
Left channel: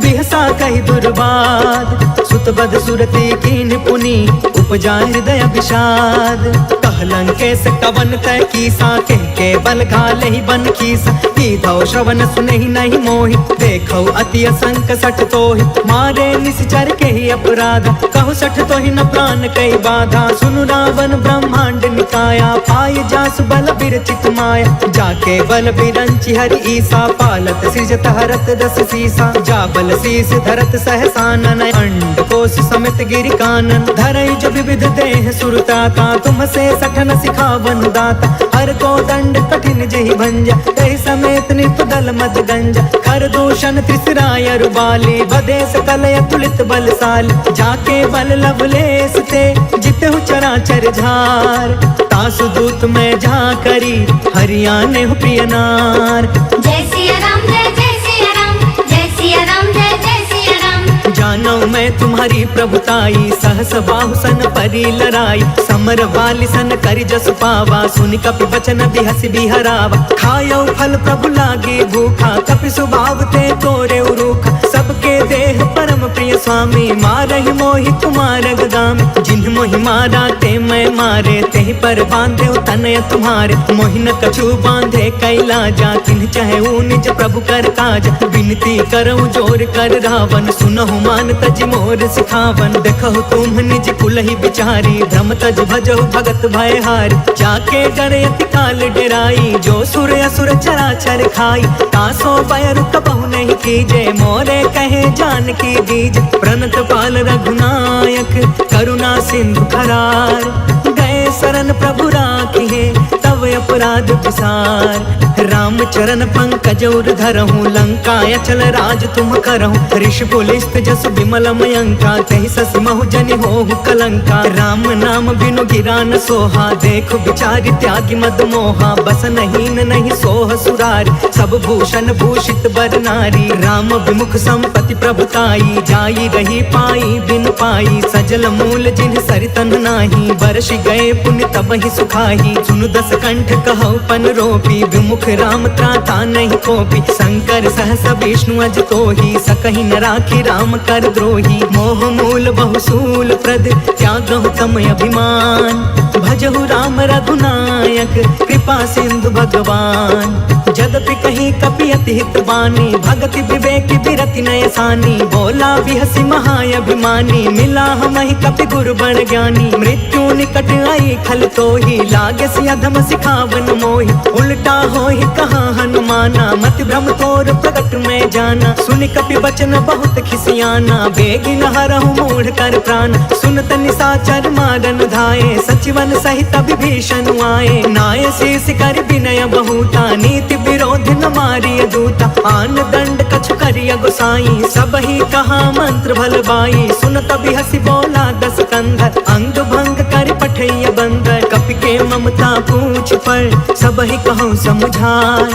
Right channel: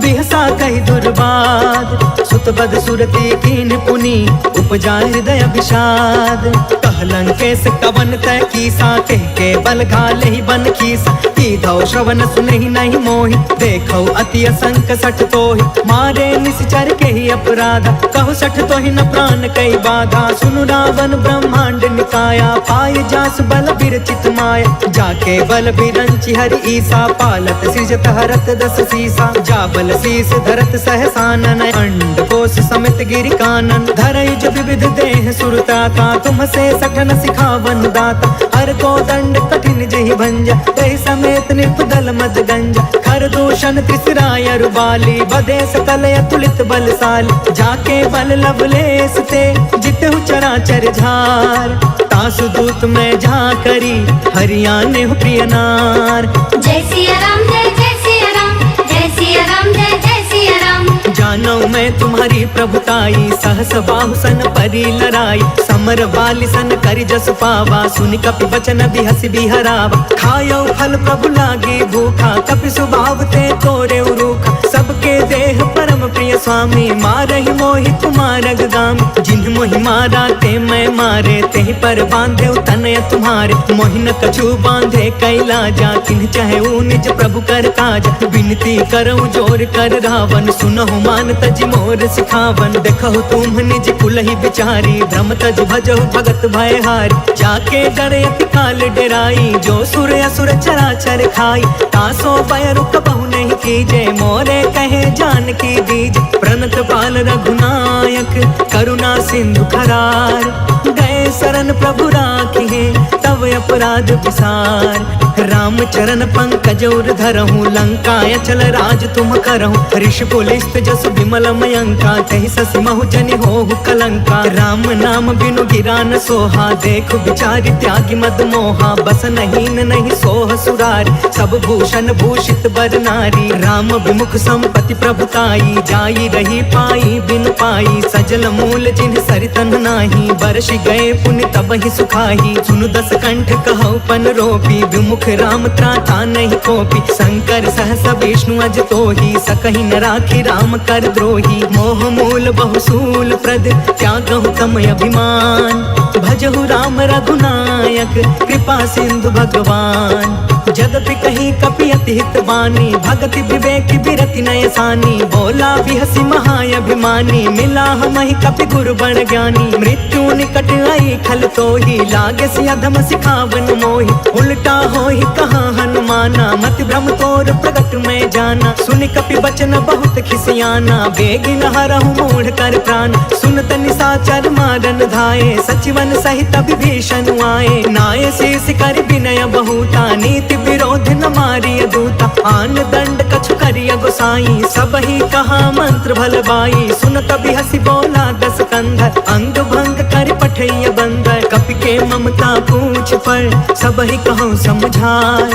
बिहसा कहि दुर्बाद, सुत बद सुरती कीन्ह पुनि उपजा हृदय विषाद, कहलंकेश कवन तय कीसा, कह के बल घाले ही बन खीसा, की धौ श्रवण सुनहि नहीं मोहि, देखौ अति असंक सठ तोहि, मारे निश्चर के ही अपराधा, कहु सठ तोहि न प्राण कई बाधा, सुनु रावण ब्रह्मांड निकाया, पाय जासु बल बिरचित माया, जाके बल बिरंचि हरि ईसा, पालत सृजत हरत दस सीसा, जा बल शीस धरत सहसानन, अंड कोश समित गिरि कानन, धरई जो विविध देह सुरताता, तुम से सठन सिखावन दाता, हर को दंड कठिन जहि भंजा, तहि समेत निपदल मद गंजा, खर दूषण त्रिसराय रुबाली, बदे सकल अतुलित बलशाली, जाके बल लवलेस ते जितहु चराचर झार, तासु दूत में जा करी हरियाणे हो प्रिय नार। जय सिया राम जय जय सिया राम, जय सिया राम जय जय सिया राम। जानो मैं तुम्हारी प्रभुताई, सहस बाहु सन परी लड़ाई, समर वाली सन करि जस पावा, सुनि कपि बचन बिहसि बिहरावा, खायो फल प्रभु लागे भूखा, कपि स्वभाव ते तोरे उरूखा, सबके देह परम प्रिय स्वामी, मारहि मोहि कुमार गामी, जिन्ह मोहि मारा ते मैं मारे, तेहि पर बांधे तनय तुम्हारे, मोहि न कछु बांधे कैलाजा, किन्ह चाहे निज प्रभु कर काजा, विनती करऊं जोर कर रावण, सुनहु मान तज मोर सिखावन, देखहु तुम निज कुलहि बिचारी, भ्रम तज भजहु भगत भयहारी, जाके डरे अति काल डेराई, जो सुर असुर चराचर खाई, तासो भय रुक बहु नहीं कीजे, मोरे कहे जान की दीज, प्रणत पाल रघुनायक करुणा सिंधु खरार, गए शरण प्रभु राखिए तब अपराध विसार, राम चरण पंकज उर धरहूँ, लंका अचल राज तुम करहूँ, ऋषि पुलिस्त जसु विमल मयंका, तहि ससि महु जनि होहु कलंका, राम नाम बिनु गिरा न सोहा, देखु बिचारी त्यागी मद मोहा, बस नहीं सोह सुरारी, सब भूषण भूषित बर नारी, राम विमुख संपत्ति प्रभुताई, जाई रही पाई बिनु पाई, सजल मूल जिन्ह सरितन नाही, बरसि गए पुण्य तब ही सुखाही, सुनु दस कंठ कहौ पन रोपी, विमुख राम त्राता नहीं कोपी, शंकर सहस विष्णु अज तोहि, सकहि न राखी राम कर द्रोही, मोह मूल बहुसूल प्रद त्यागहु तम अभिमान, भजहु राम रघुनायक कृपा सिंधु भगवान, जदपि कहीं कपि अति हित बानी, भगति विवेक बिरति नय सानी, बोला बिहसि महाअभिमानी, मिला हमहि कपि गुरु बड़ ज्ञानी, मृत्यु निकट आई खल तोहि, लागे सि अधम सिखावन मोहि, उल्टा होहि कहाँ हनुमाना, मति भ्रम तोर प्रगट में जाना, सुनि कपि बचन बहुत खिसियाना, बेगिन हरहु मूढ़ कर प्राण, सुनत निशाचर मारन धाये, सचिवन सहित विभीषण आए, नाय शीस कर विनय बहुता, नीति विरोध न मारिय दूता, आन दंड कछु करिय गोसाई, सब ही कहा मंत्र भल बाई, सुनत बिहसि बोला दस कंधर, अंग भंग कर पठैय बंदर, कपि के ममता पूछ पर सब ही कहूँ समझाए,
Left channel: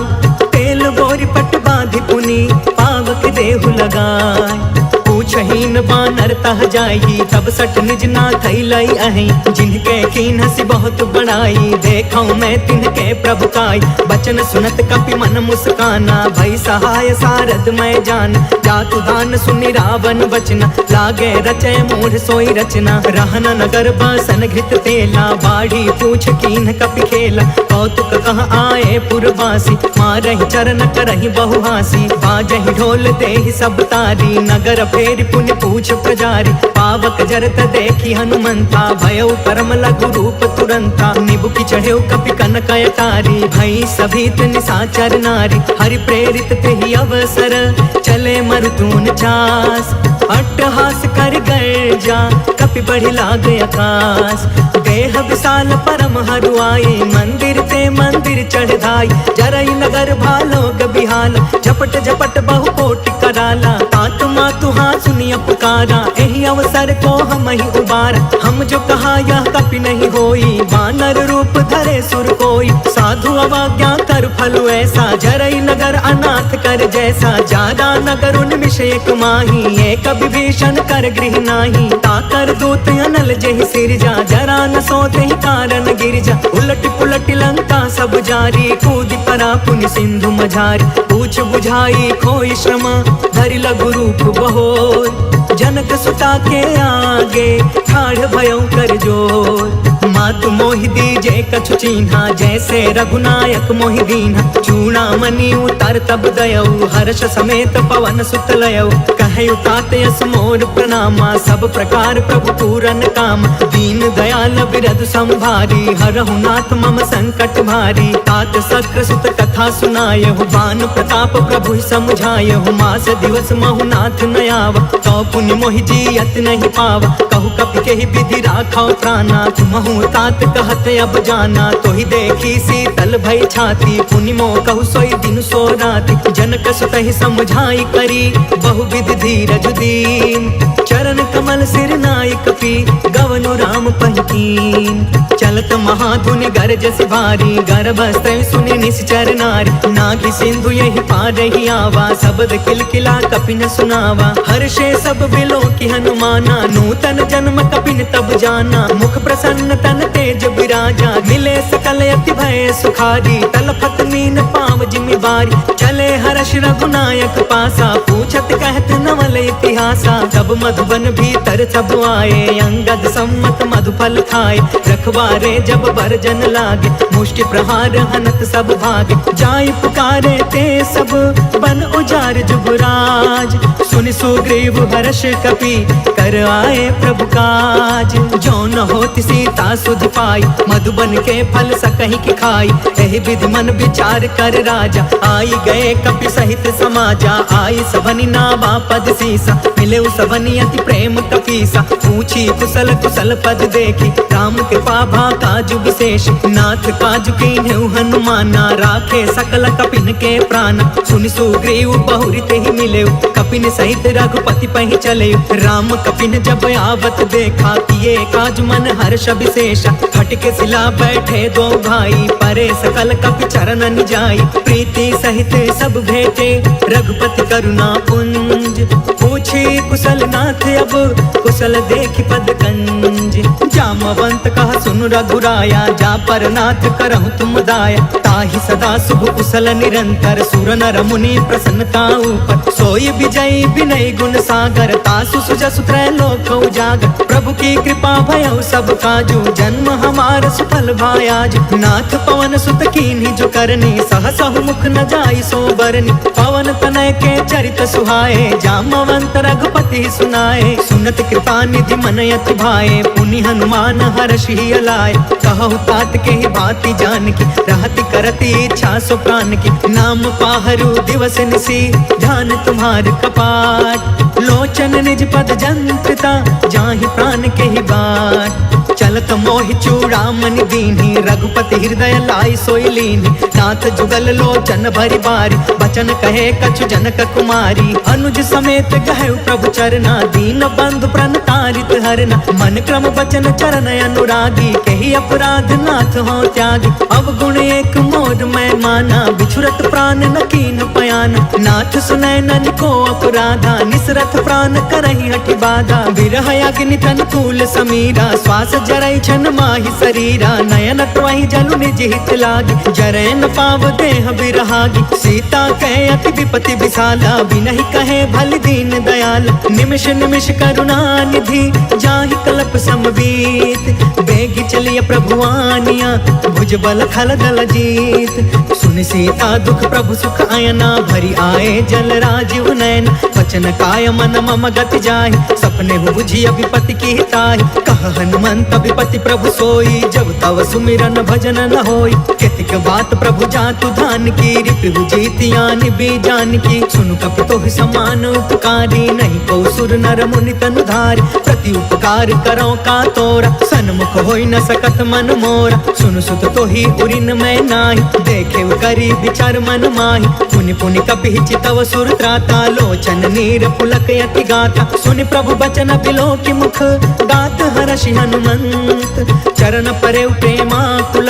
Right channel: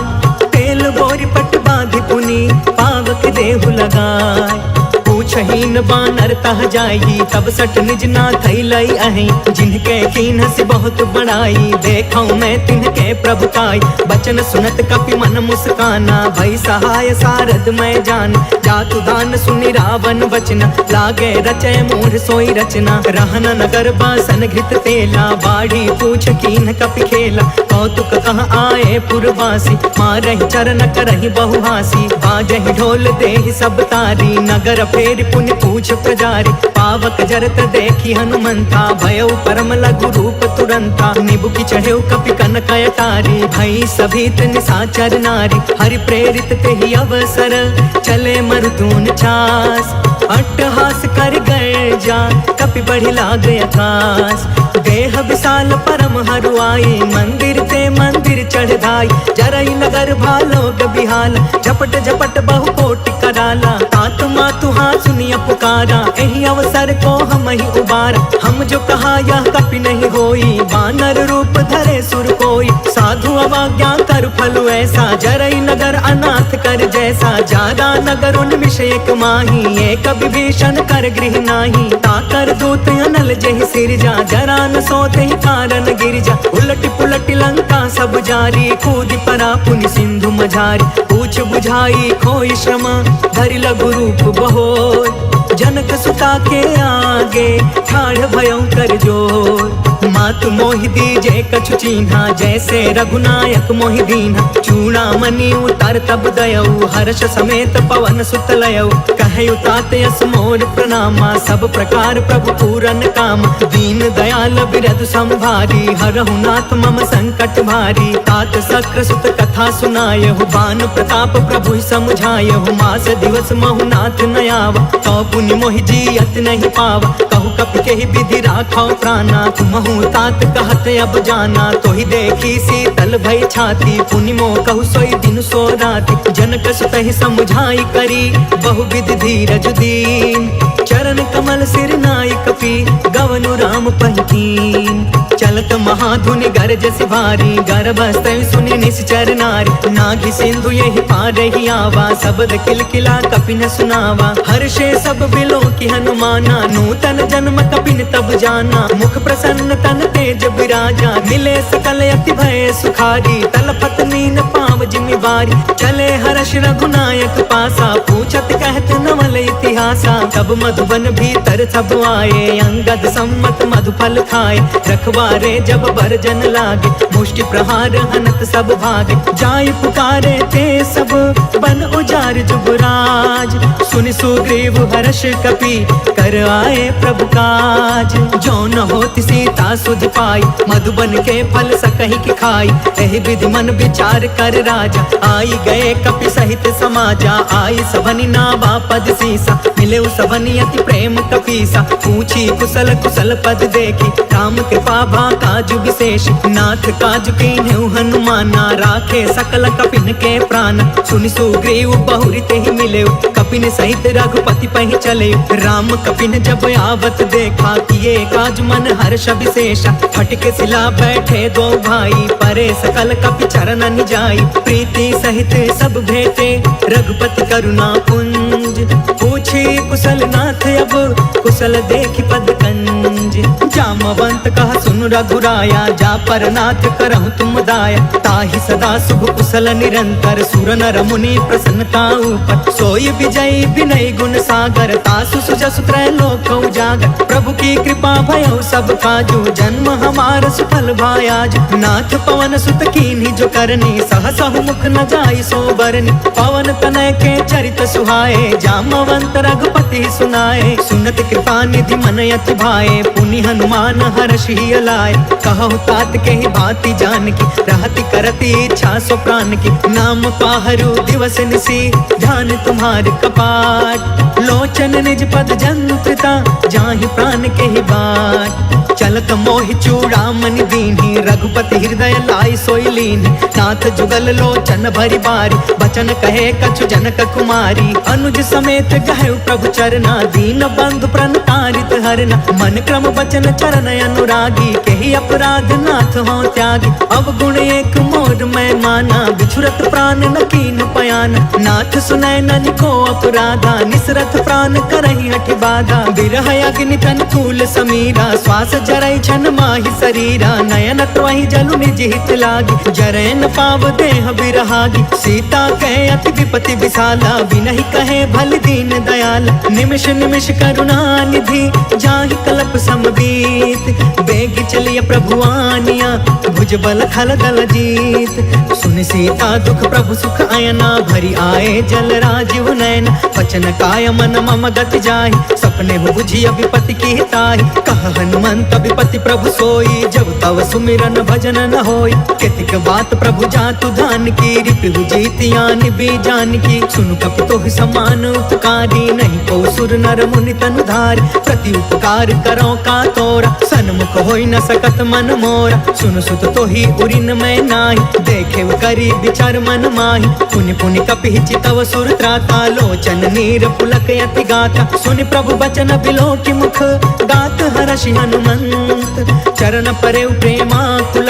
तेल बोरी पट बांधि पुनि पावक देहु लगाए, पूछहीन बानर तह जाई, तब सठ निज नाथ लई अहि, जिनके कीन्हसि बहुत बड़ाई, देखौ मैं तिनके प्रभुताई, बचन सुनत कपि मन मुस्काना, भई सहाय सारद मैं जान, जातु दान सुनि रावण बचना, लागे रचय मूढ़ सोई रचना, रहन नगर बासन घृत तेला, बाढ़ी पूछ कीन्ह कपि खेला, कौतुक कह आए पुरवासी, मारहि चरण करहि बहु हासी, बाजहि ढोल देहि सब तारी, नगर फेर पुण्य पूछ प्रजारी, पावक जरत देखी हनुमंता, भयउ परम लघु रूप तुरंता, निबुकी चढ़ेउ कपि कनक अटारी, भई सभीत निशाचर नारी, हरि प्रेरित तेहि अवसर, चले मरुतून छास, अट्टहास कर गर्जा कपि बढ़ि लाग आकाश, देह विशाल परम हरुआई, मंदिर ते मंदिर चढ़ धाई, जरई नगर भालोग बिहाला, झपट झपट बहु कोटि कराला, तात मातु हाँ सुनिया पुकारा, एहि अवसर को हम ही उबारा, हम जो कहा यह कपि नहीं होई, बानर रूप धरे सुर कोई, साधु अवज्ञा कर फलु ऐसा, जरई नगर अनाथ कर जैसा, जादा नगर उन मिश एक माही, एक विभीषण कर गृह नाही, ताकर दूत अनल जहि सिरजा, जरा न सोते ही कारण गिरजा। उलट पुलट लंका सब जारी, कूद परा पुनि सिंधु मझारी। पूछ बुझाई खोई श्रम, धरि लघु रूप बहोर, जनक सुता के आगे ठाढ़ भयं कर जोर। मातु मोहि दीजे कछु चीन्हा, जैसे रघुनायक मोहि दीन्हा। चूड़ामणि उतर तब दयऊ, हर्ष समेत पवन सुत लयऊ। कहयु तात यस मोर प्रणामा, सब प्रकार प्रभु पूरन काम। दीन दयाल बिरधु संभारी, हरहु नाथ मम संकट भारी। तात सक्र सुत कथा सुनायहु, बान प्रताप प्रभु समुझायहु। मास दिवस महु नाथ न आवा, तो पुनि मोहि जियत नहीं पावा। कहु कपि केहि विधि राखौ प्राणा, तुमहु तात कहत अब जाना। तो ही देखी शीतल भई छाती, पुनि मोह कहु सोई दिन सो राति। जनक सुत ही समुझाई करी, बहुविध धीरज दीन। चरण कमल सिर नाई कपि, गवनु राम पहिकीन। चलत महाधुनि गरजसि भारी, गर्भस्त्र सुनि निश्चर नारी। नाघि सिंधु यही पार ही आवा, शब्द किलकिला कपिन सुनावा। हर्षे सब बिलो की हनुमाना, नूतन जन्म कपिन तब जाना। मुख प्रसन्न तन तेज बिराजा, मिले सकल अति भय सुखारी। तलफत नीन पाव जिमि बारी, चले हर्ष रघुनायक पासा। पूछत कहत नवल इतिहासा, तब मधुबन भीतर सब आए। अंगद सम्मत मधुफल खाए, रखवारे जब बरजन लागे। मुष्टि प्रहार हनत सब भागे, जाय पुकारे ते सब बन उजार जुगराज। सुनि सुग्रीव हर्ष कपि, कर आए प्रभु काज। जो न होति सीता सुधि पाई, मधुबन के फल सकहि की खाई। एहि विधि मन विचार कर राजा, आई गए कपि सहित समाजा। आई सबनि नावा पद सीसा, मिले सबनि अति प्रेम कपीसा। पूछी कुशल कुशल पद देखी, राम के पाभा काजु विशेष। नाथ काजु कीन्हु हनुमाना, राखे सकल कपिन के प्राण। सुनि सुग्रीव बहुरी ते ही मिले, कपिन सहित रघुपति पहि चले। राम कपिन जब आवत देखा, किए काज मन हर्ष विशेषा। फटके सिला बैठे दो भाई, परे सकल कपि चरण जाई। प्रीति सहित सब भेटे, रघुपति करुणा पुंज। पूछी कुशल नाथ अब, कुशल देखि पद कंज। जामवंत कहा सुन रघुराया, जा पर नाथ करहु तुम दाया। ताहि सदा शुभ कुशल निरंतर, सुर नर मुनि प्रसन्नता ऊपर। सोई विजयी विनय गुण सागर, तासु सुजसु त्रैलोक उजागर। प्रभु की कृपा भयउ सब काजू, जन्म हमार सुफल भायाज। नाथ पवन सुत कीन्ही जो करनी, सहसहु मुख न जाई सो बरनी। पवन तनय के चरित सुहाए, जामवंत रघुपति सुनाए। सुनत कृपा निधि मन अति भाए, पुनि हनुमान हर्षि अलाए। कहु तात के ही भांति जानकी, रहति करति इच्छा सो प्राण की। नाम पाहरु दिवस निसी, ध्यान तुम्हार कपाट। लोचन निज पद जंत्रिता, जाहि प्राण के ही बाट। चलत मोहि चूड़ामणि दीन्ही, रघुपति हृदय लाई सोई लीन्ही। नाथ जुगल लोचन भरि बारी, बचन कहे कछु जनक कुमारी। अनुज समेत गहु प्रभु चरना, दीन बंधु प्रणतारित हरना। मन क्रम बचन चरण अनुरागी, केहि अपराध नाथ हो त्यागी। अवगुण एक मोर मैं माना, बिछुरत प्राण न कीन पयाना। नाथ सुनय ननि को अपराधा, निसरथ प्राण करहि हठि बाधा। बिरह अग्नि तन तूल समीरा, श्वास जरई छन माहि शरीरा। नयन त्वहि जलु निज हित लागी, जरै न पाव देह बिरहागी। सीता कहे अति विपति विशाला, बिनहि कहे भलि दीन दयाला। निमिष निमिष करुणा निधि, जाहि कल्प समबीत। बेगी चलिय प्रभु आनिया, भुज बल खल दल जीत। सुनि सीता दुख प्रभु सुख अयना, भरी आए जल राजीव नयन। वचन काय मन मम गति जाहि, सपने हु बुझिय विपति की ताहि। कह हनुमंत विपति प्रभु सोई, जब तव सुमिरन भजन न होई। केतिक बात प्रभु जातु धान की, रिपु जीतियानि बीजान की। सुनु कपि तोहि समान उपकारी, नहीं को सुर नर मुनि तनु धारी। प्रति उपकार करो का तोरा, सन्मुख होई न सकत मन मोरा। सुनु सुत तोहि उरिन मैं नाही, देखे करी विचार मन माही। पुनि पुनि कपि चितव सुर त्राता, लोचन नीर पुलक यति गाता। सुनि प्रभु बचन बिलो की मुख, गात हर्षि हनुमंत संत। चरण परे प्रेमाकुल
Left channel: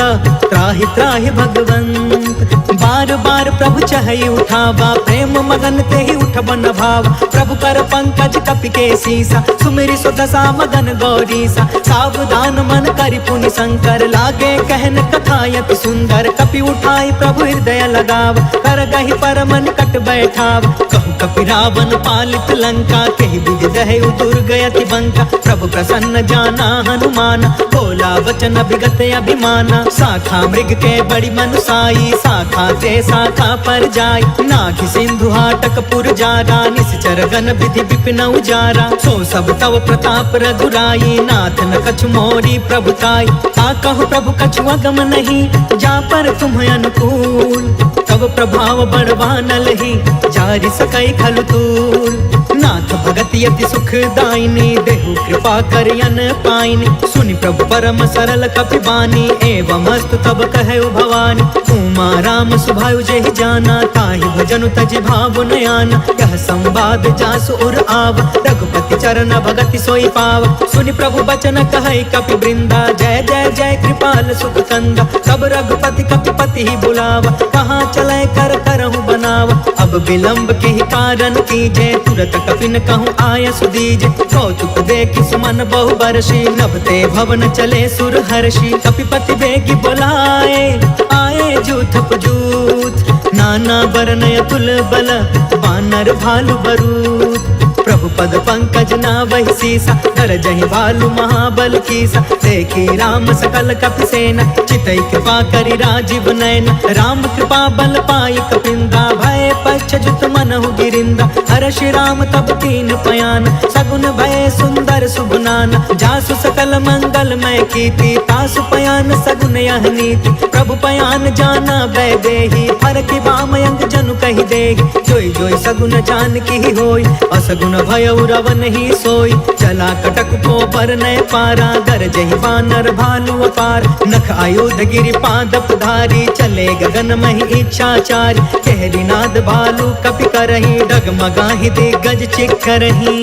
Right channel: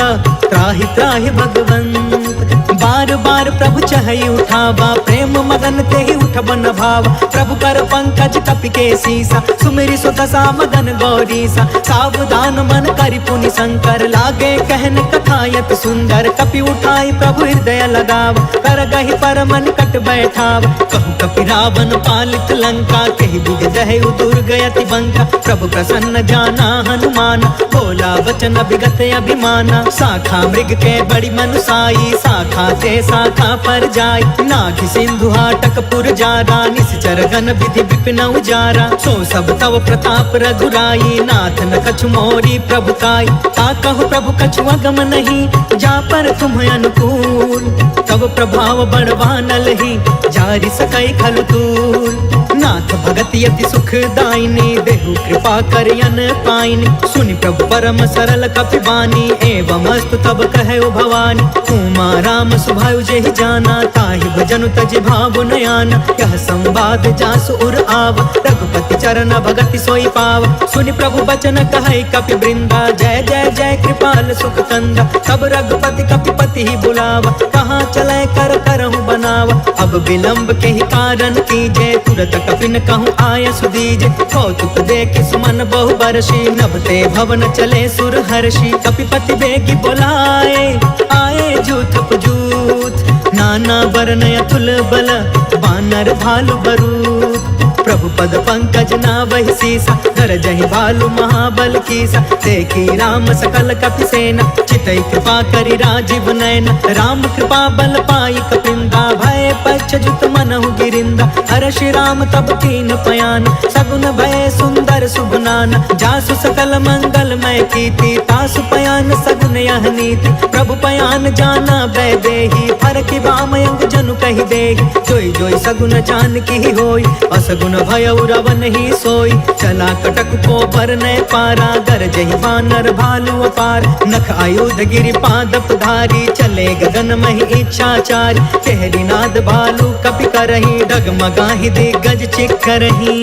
त्राहि त्राहि भगवंत। बार बार प्रभु चहई उठावा, प्रेम मगन ते ही उठ बन भावा। प्रभु कर पंकज कपि के सीसा, सुमिरि सो दशा मगन गौरीसा। सावधान मन करि पुनि शंकर, लागे कहन कथायत सुंदर। कपि उठाई प्रभु हृदय लगाव, कर गहि परम निकट बैठाव। कहु कपि रावण पालित लंका, केहि विधि दहै दुर्गयति बंका। प्रभु प्रसन्न जाना हनुमान, बोला वचन विगत अभिमाना। शाखा मृग के बड़ी मनुसाई, शाखा ते शाखा पर जाय। नाघि सिंधु हाटक पुर जारा, निश्चर गण विधि विपिन उजारा। सो सब तव प्रताप रघुराई, नाथ न कछु मोरी प्रभुताई। ता कहु प्रभु कछु अगम नहीं, जा पर तुम अनुकूल। तब प्रभाव बड़वानल ही, जारि सकई खलु तूल। नाथ भगत यति सुख दायिनी, देहु कृपा करयन पाइनी। सुनि प्रभु परम सरल कपि बानी, एवं अस्तु तब कहे भवानी। उमा राम सुभायु जेहि जाना, ताहि भजनु तजि भाव नयाना। यह संवाद जासु उर आवा, रघुपति चरण भगति सोई पावा। सुनि प्रभु बचन कहै कपि वृंदा, जय जय जय कृपाल सुख कंदा। तब रघुपति कपिपति ही बुलावा, कहाँ चले कर करहु बनावा। अब विलंब के ही कारण कीजे, तुरत कपिन कहूँ आय सुदीजे। कौतुक देखि सुमन बहु बरसी, नभते भवन चले सुर हर्षि। कपिपति बेगी बोलाए, आए जूथप जूथ। नाना बरन अतुल बल, बानर भालु बरूद। प्रभु पद पंकज नावहि सीसा, गरजहि भालु महाबल कीसा। देखी राम सकल कपि सेना, चितई कृपा करि राजीव नयन। राम कृपा बल पाई कपिंदा, भय पक्ष जुत मनहु गिरिंदा। हर्षि राम तब कीन पयान, सगुन भय सुंदर शुभनान। जासु सकल मंगलमय कीर्ति, तासु पयान सगुन यह नीति। प्रभु पयान जाना भय देहि, फरकि बामयंग जनु कहि देहि। जोई जोई सगुन जान की होई, असगुन भय रावण ही सोई। चला कटक को बरनय पारा, गरजहि बानर भालु अपार। नख आयुध गिरि पादप धारी, चले गगन महि इच्छाचारी। कहरी नाद भालु कपि करही, डगमगाहि दिग्गज चिक्करही।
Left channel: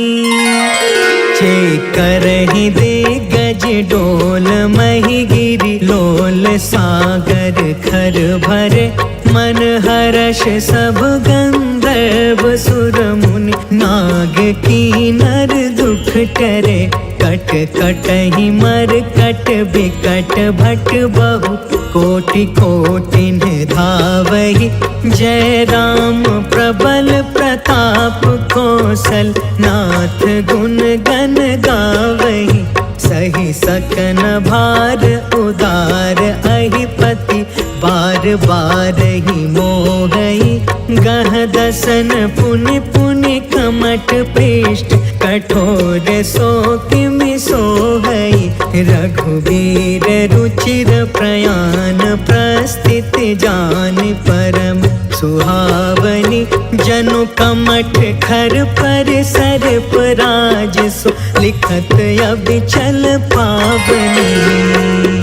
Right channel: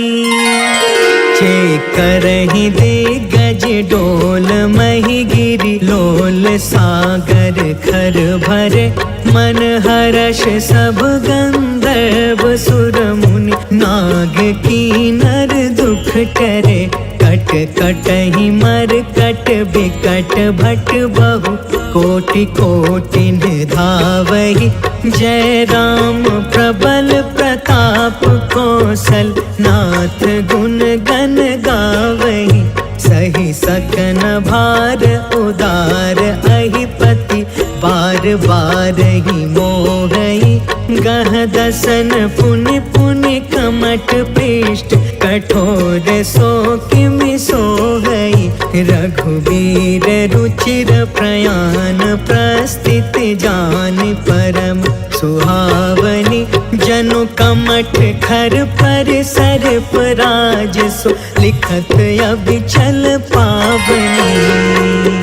चेकरहि दिग्गज डोल महि गिरि, लोल सागर खर भरे। मन हर्ष सब गंधर्व सुर मुनि, नाग कीनर दुख टरे। कट कटहि मर कट बिकट भट बहु, कोटि कोटिन धावहि। जय राम प्रबल प्रताप कौशल, नाथ गुण गण गावहि। सही सकन भार उदार अहिपति, बार बार ही मोहई। गह दसन पुनि पुनि कमठ पृष्ठ, कठोर सो किमि सोहई। रघुवीर रुचिर प्रयाण, प्रस्थिति जान परम सुहावनी। जनु कमठ खर पर सर्प राज सो, लिखत अबिचल पावनी।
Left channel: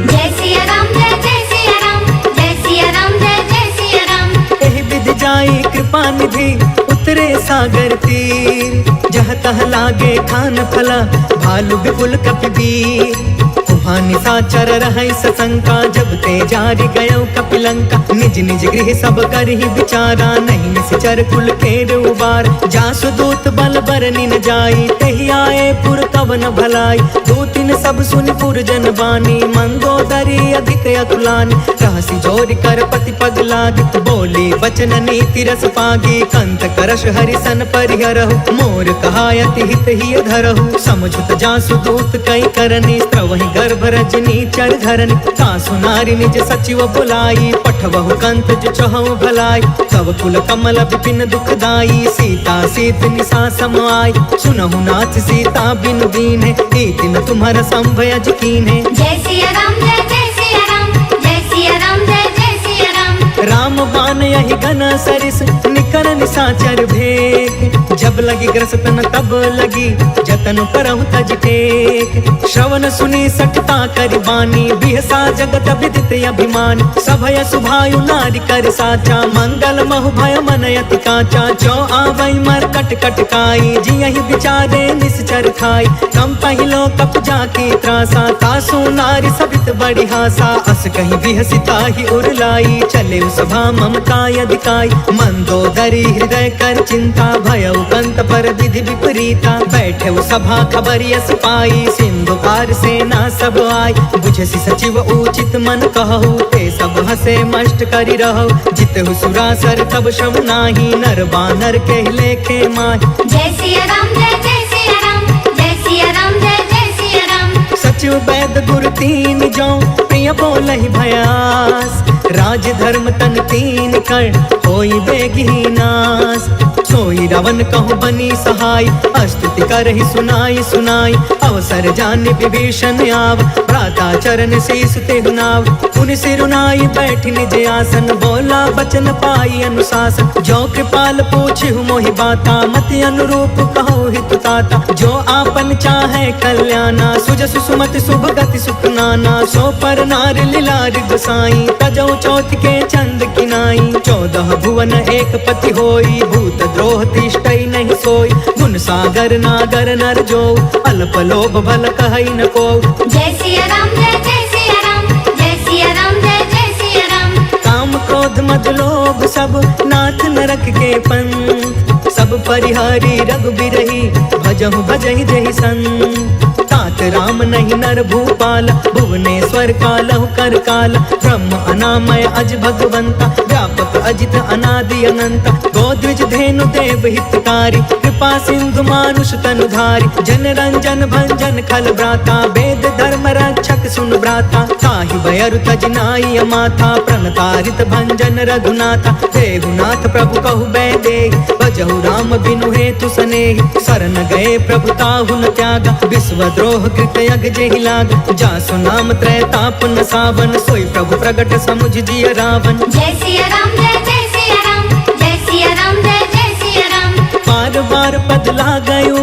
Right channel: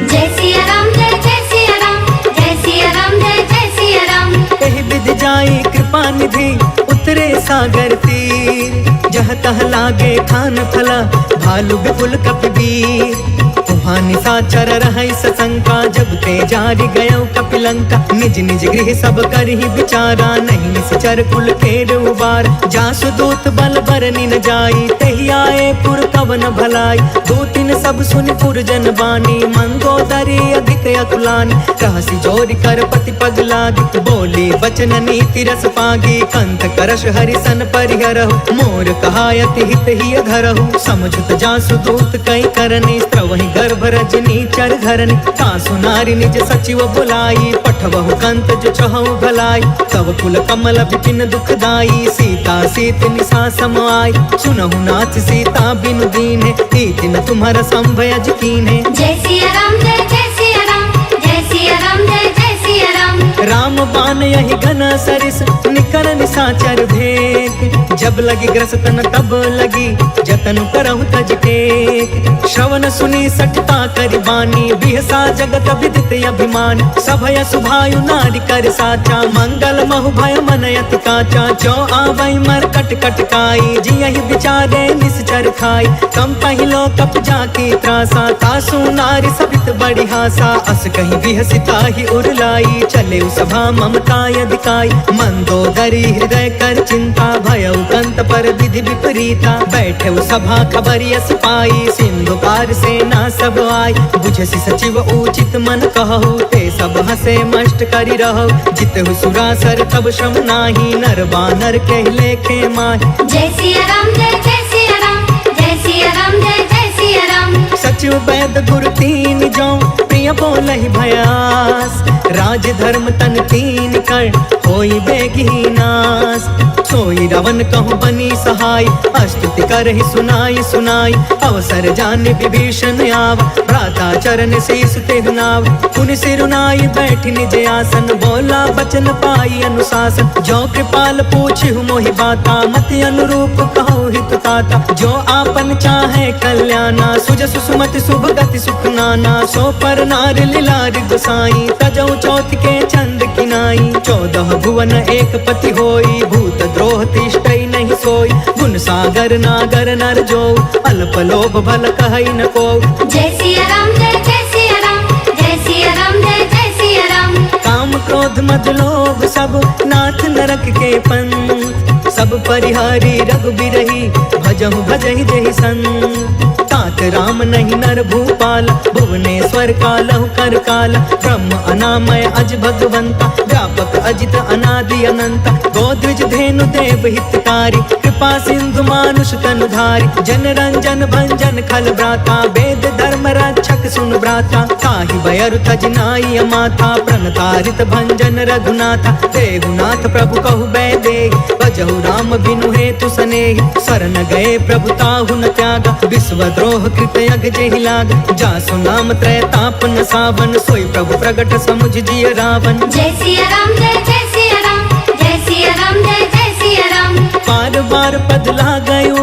जय सिया राम जय जय सिया राम, जय सिया राम जय जय सिया राम। एहि विधि जाई कृपा निधि, उतरे सागर तीर। जह तह लागे खान फला, भालु विपुल कपिवीर। वहाँ निशाचर रहै सशंका, जब ते जारि गयो कपिलंका। निज निज गृह सब करहि विचारा, नहीं निश्चर कुल केर उबार। जासु दूत बल बरनि न जाई, तेहि आए पुर कवन भलाई। दूतिन सब सुनि पुर जन बानी, मंदोदरी अधिक अकुलानी। रहसी जोरि कर पति पग लागी, बोली वचन नीति रस पागी। कंत करश हरिसन परिहरहु, मोर कहायति हित ही धरहु। समझुत जासु दूत कई करनी, स्त्रवहि गर्भ रजनी चर घरनी। तासु नारी निज सचिव बुलाई, पठवहु कंत जो चहु भलाई। तब कुल कमल विपिन दुखदाई, सीता सीत निशा सम आई। सुनहु नाथ सीता बिनु दीन्हे, इति न तुम्हारा संभयज कीन्हे। जय सिया राम जय जय सिया राम, जय सिया राम जय जय सिया राम। राम बाण यही घन सरिस निकर निशाचर भेक। जब लगी ग्रसतन तब लगी जतन करहु तज टेक। श्रवण सुनी सठता करि बानी बिहसा जगत विदित अभिमान। सभय सुभायु नारी कर साचा मंगल महु भय मन अति काचा। जो आवै मर कट कट काई जियहि विचारे निश्चर खाई। कम पहिलो कप जाकी त्रासा तासु नारी सबित बड़ी हासा। अस कहीं बिहसिता ही उरलाई चले सभा ममता यदिकाई। मंदोदरी हृदय कर चिंता भयउ कंत पर विधि विपरीता। बैठे सभा खबरिय सिपाही सिंधु पार सेना सब आई। बुझसी सचिव उचित मन कहु ते सब हसे मष्ट करी रहो। जितहु सुरासर तब श्रम नाही नर बानर के लेखे माही। जय सिया राम जय जय सिया राम जय सिया राम जय जय सिया राम। सचिव वैद गुरु तीन जो प्रिय बोलहि भयास। राज धर्म तन तीन कर होई बेगी नास। सोई रावण कहूँ बनी सहाय स्तुति करहि सुनाई सुनाई। अवसर जाने विभीषण आव भ्राता चरण शीस तेहु नाव। पुनि सिरुनाई बैठ निज आसन बोला बचन पाई अनुशासन। जो कृपाल पूछहु मोहि बाता मति अनुरूप कहु हितु ताता। जो आपन चाहे कल्याणा सुजसु सुमति शुभ गति सुख नाना। सो पर नार लीलार गोसाई तजौ चौथ के चंद किनाई। 14 भुवन एक पति होई भूत द्रोह तिष्ठई नहीं सोई। गुण सागर नागर नर जो अल्प लोभ भल कहई न को। जय सिया राम जय जय सिया राम जय सिया राम जय जय सिया राम। काम क्रोध मद लोभ सब नाथ नरक के पंथ। सब परिहारी रघुबीरहि भजहु भजहि जहि संत। तात राम नहीं नर भूपाला भुवनेश्वर कालहु कर काला। ब्रह्म अनामय अज भगवंता व्यापक अजित अनादि अनंता। गोद्विज धेनु देव हितकारी कृपा सिंधु मानुष तनुधारी। जन रंजन भंजन खल ब्राता वेद धर्म रक्षक सुन ब्राता। ताहि बयरु तज नाई अमाथा प्रणतारित भंजन रघुनाथा। देहुनाथ प्रभु कहु बैदे भजहु राम बिनु हेतु सनेहि। शरण गए प्रभु ताहु न त्यागा विश्व द्रोह कृत यग जेहि लाग। जासु नाम त्रय ताप न सावन सोई प्रभु प्रगट समुझ जिय रावण। जय सिया राम जय जय सिया राम जय सिया राम जय जय सिया राम। बार बार पद लागयु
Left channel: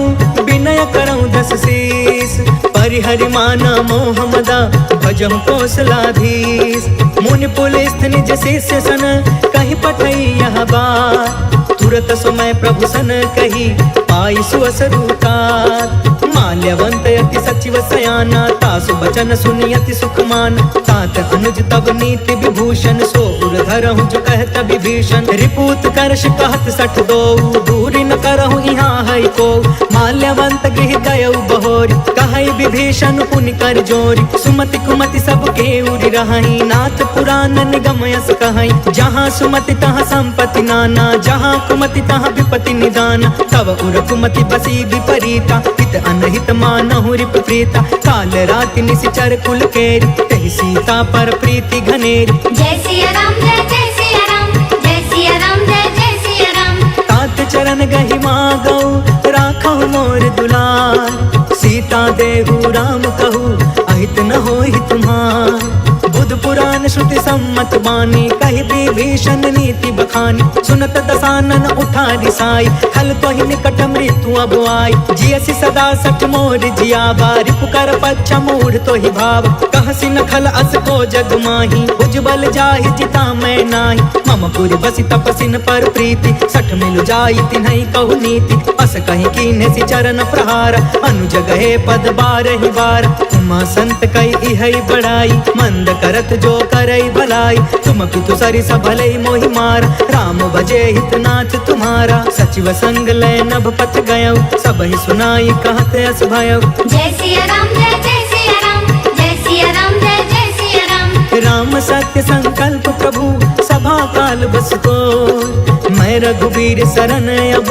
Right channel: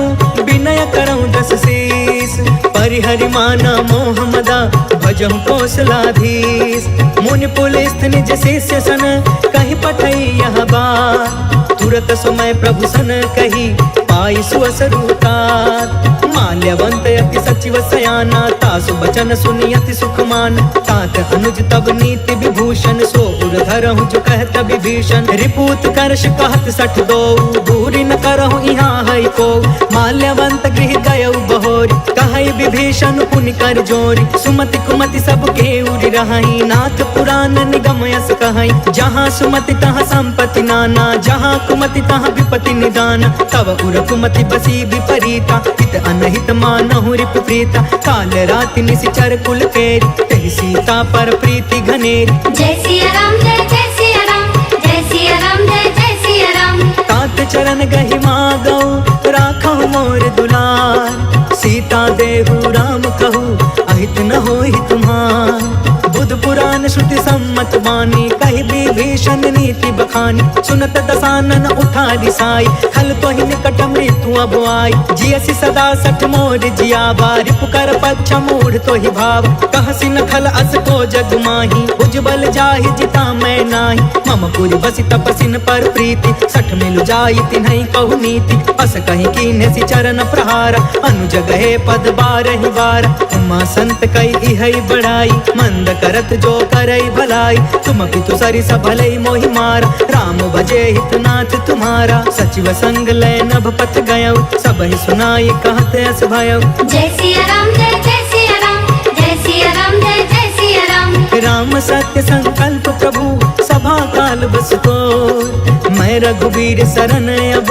विनय करऊं 10 शीस। परिहरि माना मोह मदा भजहु कौशलाधीश। मुनि पुलिस निज शिष्य सन कहीं पठई यह बात। तुरत समय प्रभु सन कही पाई सुअसरुतात। माल्यवंत अति सचिव सयाना तासु बचन सुनि अति सुखमान। तात अनुज तब नीति विभूषण सो उर धरहु जो कहत विभीषण। रिपूत करश कहत 62 दूरी न करहु यहाँ है को। माल्यवंत गृह गयउ बहोरी कहई विभीषण पुनि कर जोरी। सुमति कुमति सब के उरि रहई नाथ पुराण निगम यस कहई। जहाँ सुमति तहाँ संपत्ति नाना जहाँ कुमति तहाँ विपत्ति निदान। तब उर कुमति बसी विपरीता हित अनहित मानहु रिपु प्रीता। काल राति निशिचर कुल केरी तेहि सीता पर प्रीति घनेरी। जय सिया राम जय जय सिया राम जय सिया राम जय जय सिया राम। तात चरण गहि मागौ राखहु मोर दुलार। सीता देहु राम कहू अहित न होहि तुम्हार। बुध पुराण श्रुति सम्मत बानी कहि विभीषण नीति बखानी। सुनत दसानन उठा रिसाई खल तो ही निकट मृत्यु अब आई। जियसि सदा सठ मोर जियावा रिपुकर पच्छ मूढ़ तो ही भाव। कहसि न खल अस को जग माही उज्जवल जाहि जिता मैं नाही। मम पुर बसि तपसिन पर प्रीति सठ मिलु जाई तिन्हई कहु नीति। अस कहीं कीन्हे चरण प्रहार अनुज गहे पद बारहि बार। उमा संत कई इहई बढ़ाई मंद करत जो करई भलाई। तुम पितु सरिस भलई मोहि मारा राम भजे हितनाथ तुम्हारा। सचिव संग लय नभ पथ गयौ सबहि सुनाई कहत अस भयौ। जय सिया राम जय जय सिया राम जय सिया राम जय जय सिया राम। राम सत्य संकल्प प्रभु सभा काल बस तोर। मैं रघुबीर शरण अब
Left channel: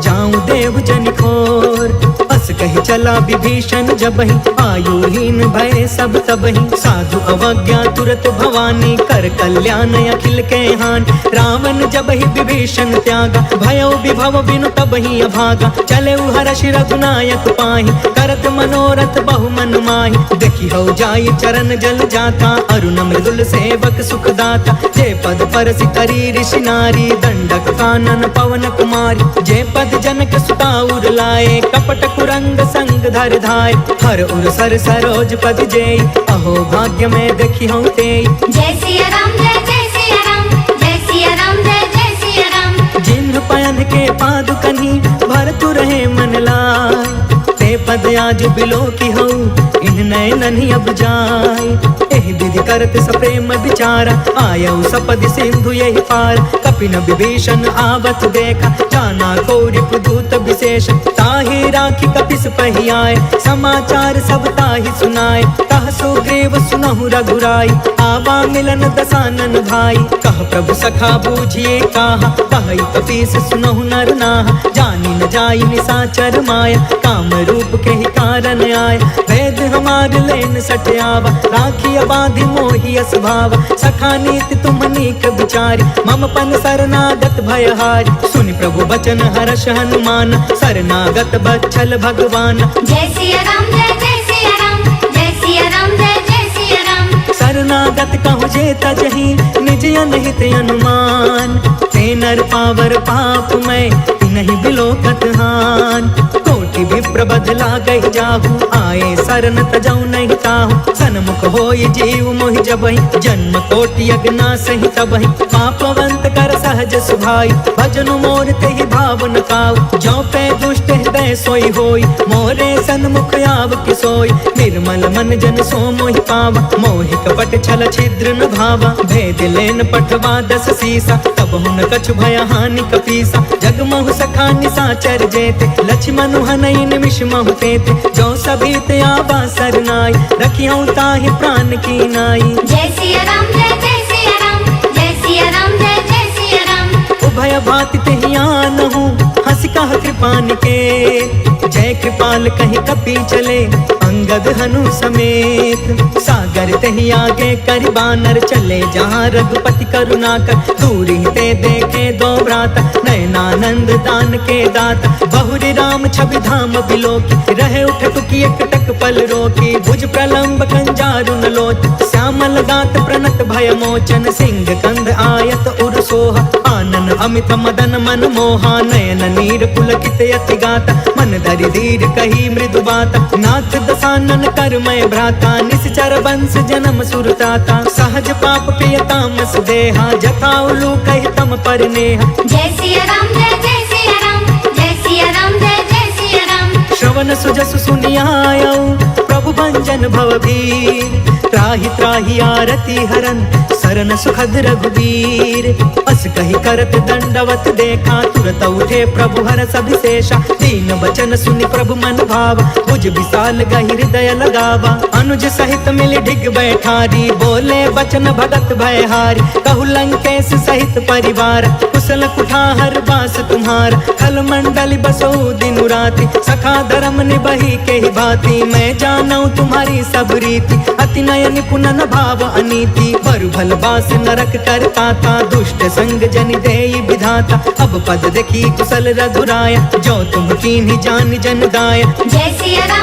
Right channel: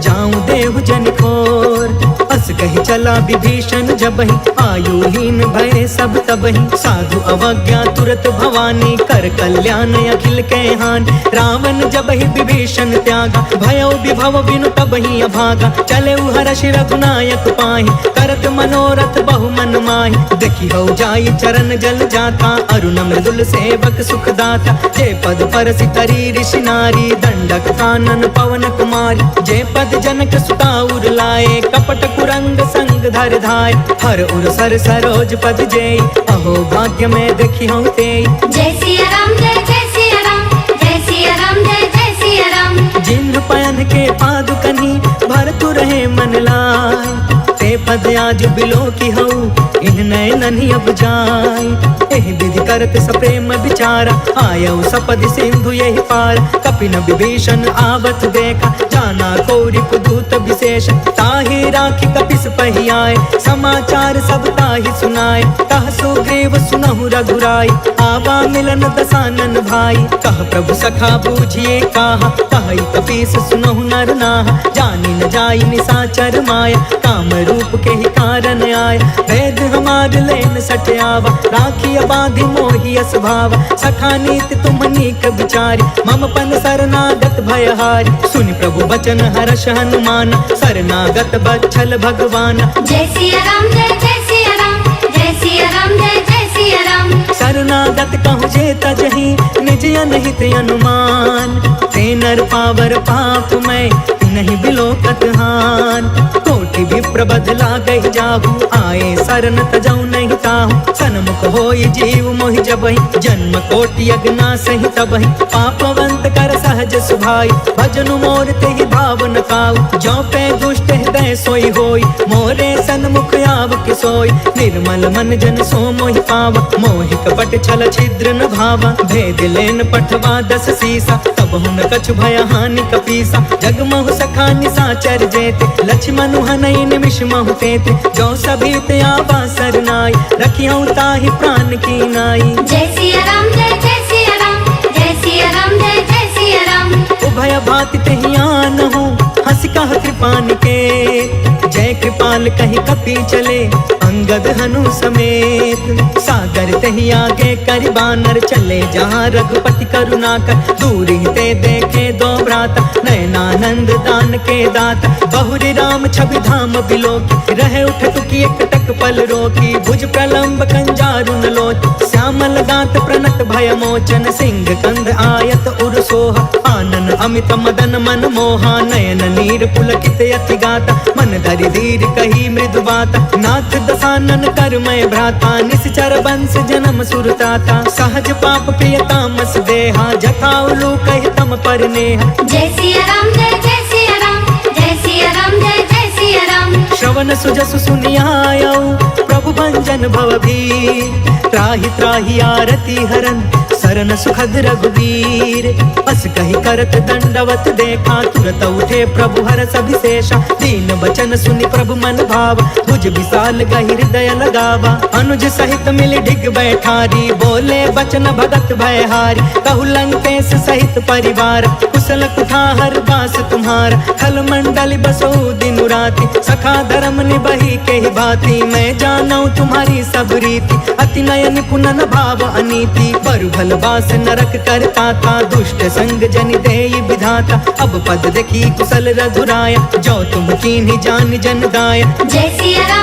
जाऊं देव जन खोर। अस कहि चला विभीषण जबहि आयुहीन भय सब तबहि। साधु अवज्ञा तुरत भवानी कर कल्याण अखिल के हान। रावण जबहि विभीषण त्यागा भयो विभव बिनु तबहि अभागा। चले हर्ष रघुनायक पाहि करत मनोरथ बहु मन माहि। देखि हो जाई चरण जल जाता अरुण शार्दुल सेवक सुखदाता। जय पद परसि तरी ऋषि नारी, दंडक कानन पवन कुमारी। जय पद जनक सुता उर लाए, कपट कुरंग संग धर धाय। हर उर सर सरोज पद जेई, अहो भाग्य में देखी हूँ तेई। जय सिया राम जय सिया राम, जय सिया राम जय सिया राम। जिन्ह पयन के पादुकनी, भरतु रहे मन लाय। ते पद आज बिलो की हूँ, इन नयन ही अब जाय। एहि विधि करत सप्रेम विचारा, आयऊ सपदि सिंधु यही पार। कपिन विभीषण आवत देखा, जाना कौरिप दूत विशेष। ताहि राखी कपिस पहियाए, समाचार सब ताहि सुनाए। कह सुग्रीव सुनहु रघुराई, आवा मिलन दसानन भाई। कह प्रभु सखा बूझिए काहा, कहि कपीस सुनहु नर नाहा। जानी न जाई निसाचर माया, काम रूप के ही कारण आय। वेद हमार लेन सठयावा, राखी बाधि मोहि अस भावा। सखा नीति तुम नीक विचारी, मम पन शरणागत भयहारी। सुनि प्रभु बचन हर्ष हनुमान, शरणागत बच्छल भगवान। जय सिया राम जय सिया राम, जय सिया राम जय सिया राम। शरणागत कहु जे तजहि, निज अनहित अनुमान। ते नर पावर पाप मैं, तिनहि बिलोकत हान। कोटि विप्र बदला गहि जाहु, आए शरण तजौ नहीं ताहु। सन्मुख होई जीव मोहि जबहि, जन्म कोटि यज्ञ सहि तबहि। पापवंत कर सहज सुभाई, भजनु मोर तेहि भाव न काऊ। जो पे दुष्ट हृदय सोई होई, मोरे सन्मुख आव कि सोई। निर्मल मन जन सो मोहि पावा, मोहि कपट छल छिद्र न भावा। भेद लेन पठवा दस सीसा, तब हुन कछु भय हानि कपीसा। जगमहु सखा निसाचर जेते, लक्ष्मण हनई निमिष महु तेते। जो सभीत आवा सरनाई, रखियौ ताहि प्राण की नाई। जय सिया राम जय सिया राम, जय सिया राम जय सिया राम। उभय भाति तेहि आनहु, हंस कह कृपा निकेत। जय कृपाल कहि कपि चले, अंगद हनु समेत। सागर तेहि आगे करि बानर, चले जहाँ रघुपति करुणा कर। दूरी ते देखे दो भ्राता, नयनानंद दान के दाता। बहुरी राम छवि धाम बिलोकी, रहे उठ टुकी एक टक पल रोकी। भुज प्रलंब कंजारुन लोच, श्यामल गात प्रणत भय मोचन। सिंह कंध आयत उर सोहा, आनन अमित मदन मन मोहा। नयन नीर पुलकित अति गाता, मन धरि धीर कही मृदु बाता। नाथ दसानन कर मैं भ्राता, निश्चर वंश जन्म सुरताता। सहज पाप प्रिय तामस देहा, जथा उलू कहि तम पर नेहा। जय सिया राम जय सिया राम, जय सिया राम जय सिया राम। श्रवण सुजसु सुनियायऊ, प्रभु भंजन भवभीर। त्राहि त्राहि आरती हरन, सरन सुखद रघुवीर। अस कहि करत दंडवत देखा, तुरत उठे प्रभु हरष अभिषेषा। दीन बचन सुनि प्रभु मन भावा, भुज विशाल गहि हृदय लगावा। अनुज सहित मिल ढिग बैठारी, बोले बचन भगत भयहारी। कहु लंकेश सहित परिवार, कुशल कुठार बास तुम्हारा। खल मंडल बसो दिन राति, सखा धर्म निबही के ही भांति। मैं जानऊ तुम्हारी सब रीति, अति नयन निपुण न भाव अनीति। पर भल बास नरक करता था, दुष्ट संग जनि देई विधाता। अब पद देखी कुशल रघुराया, जो तुम कीन्ही जान जन दाया। जय सिया राम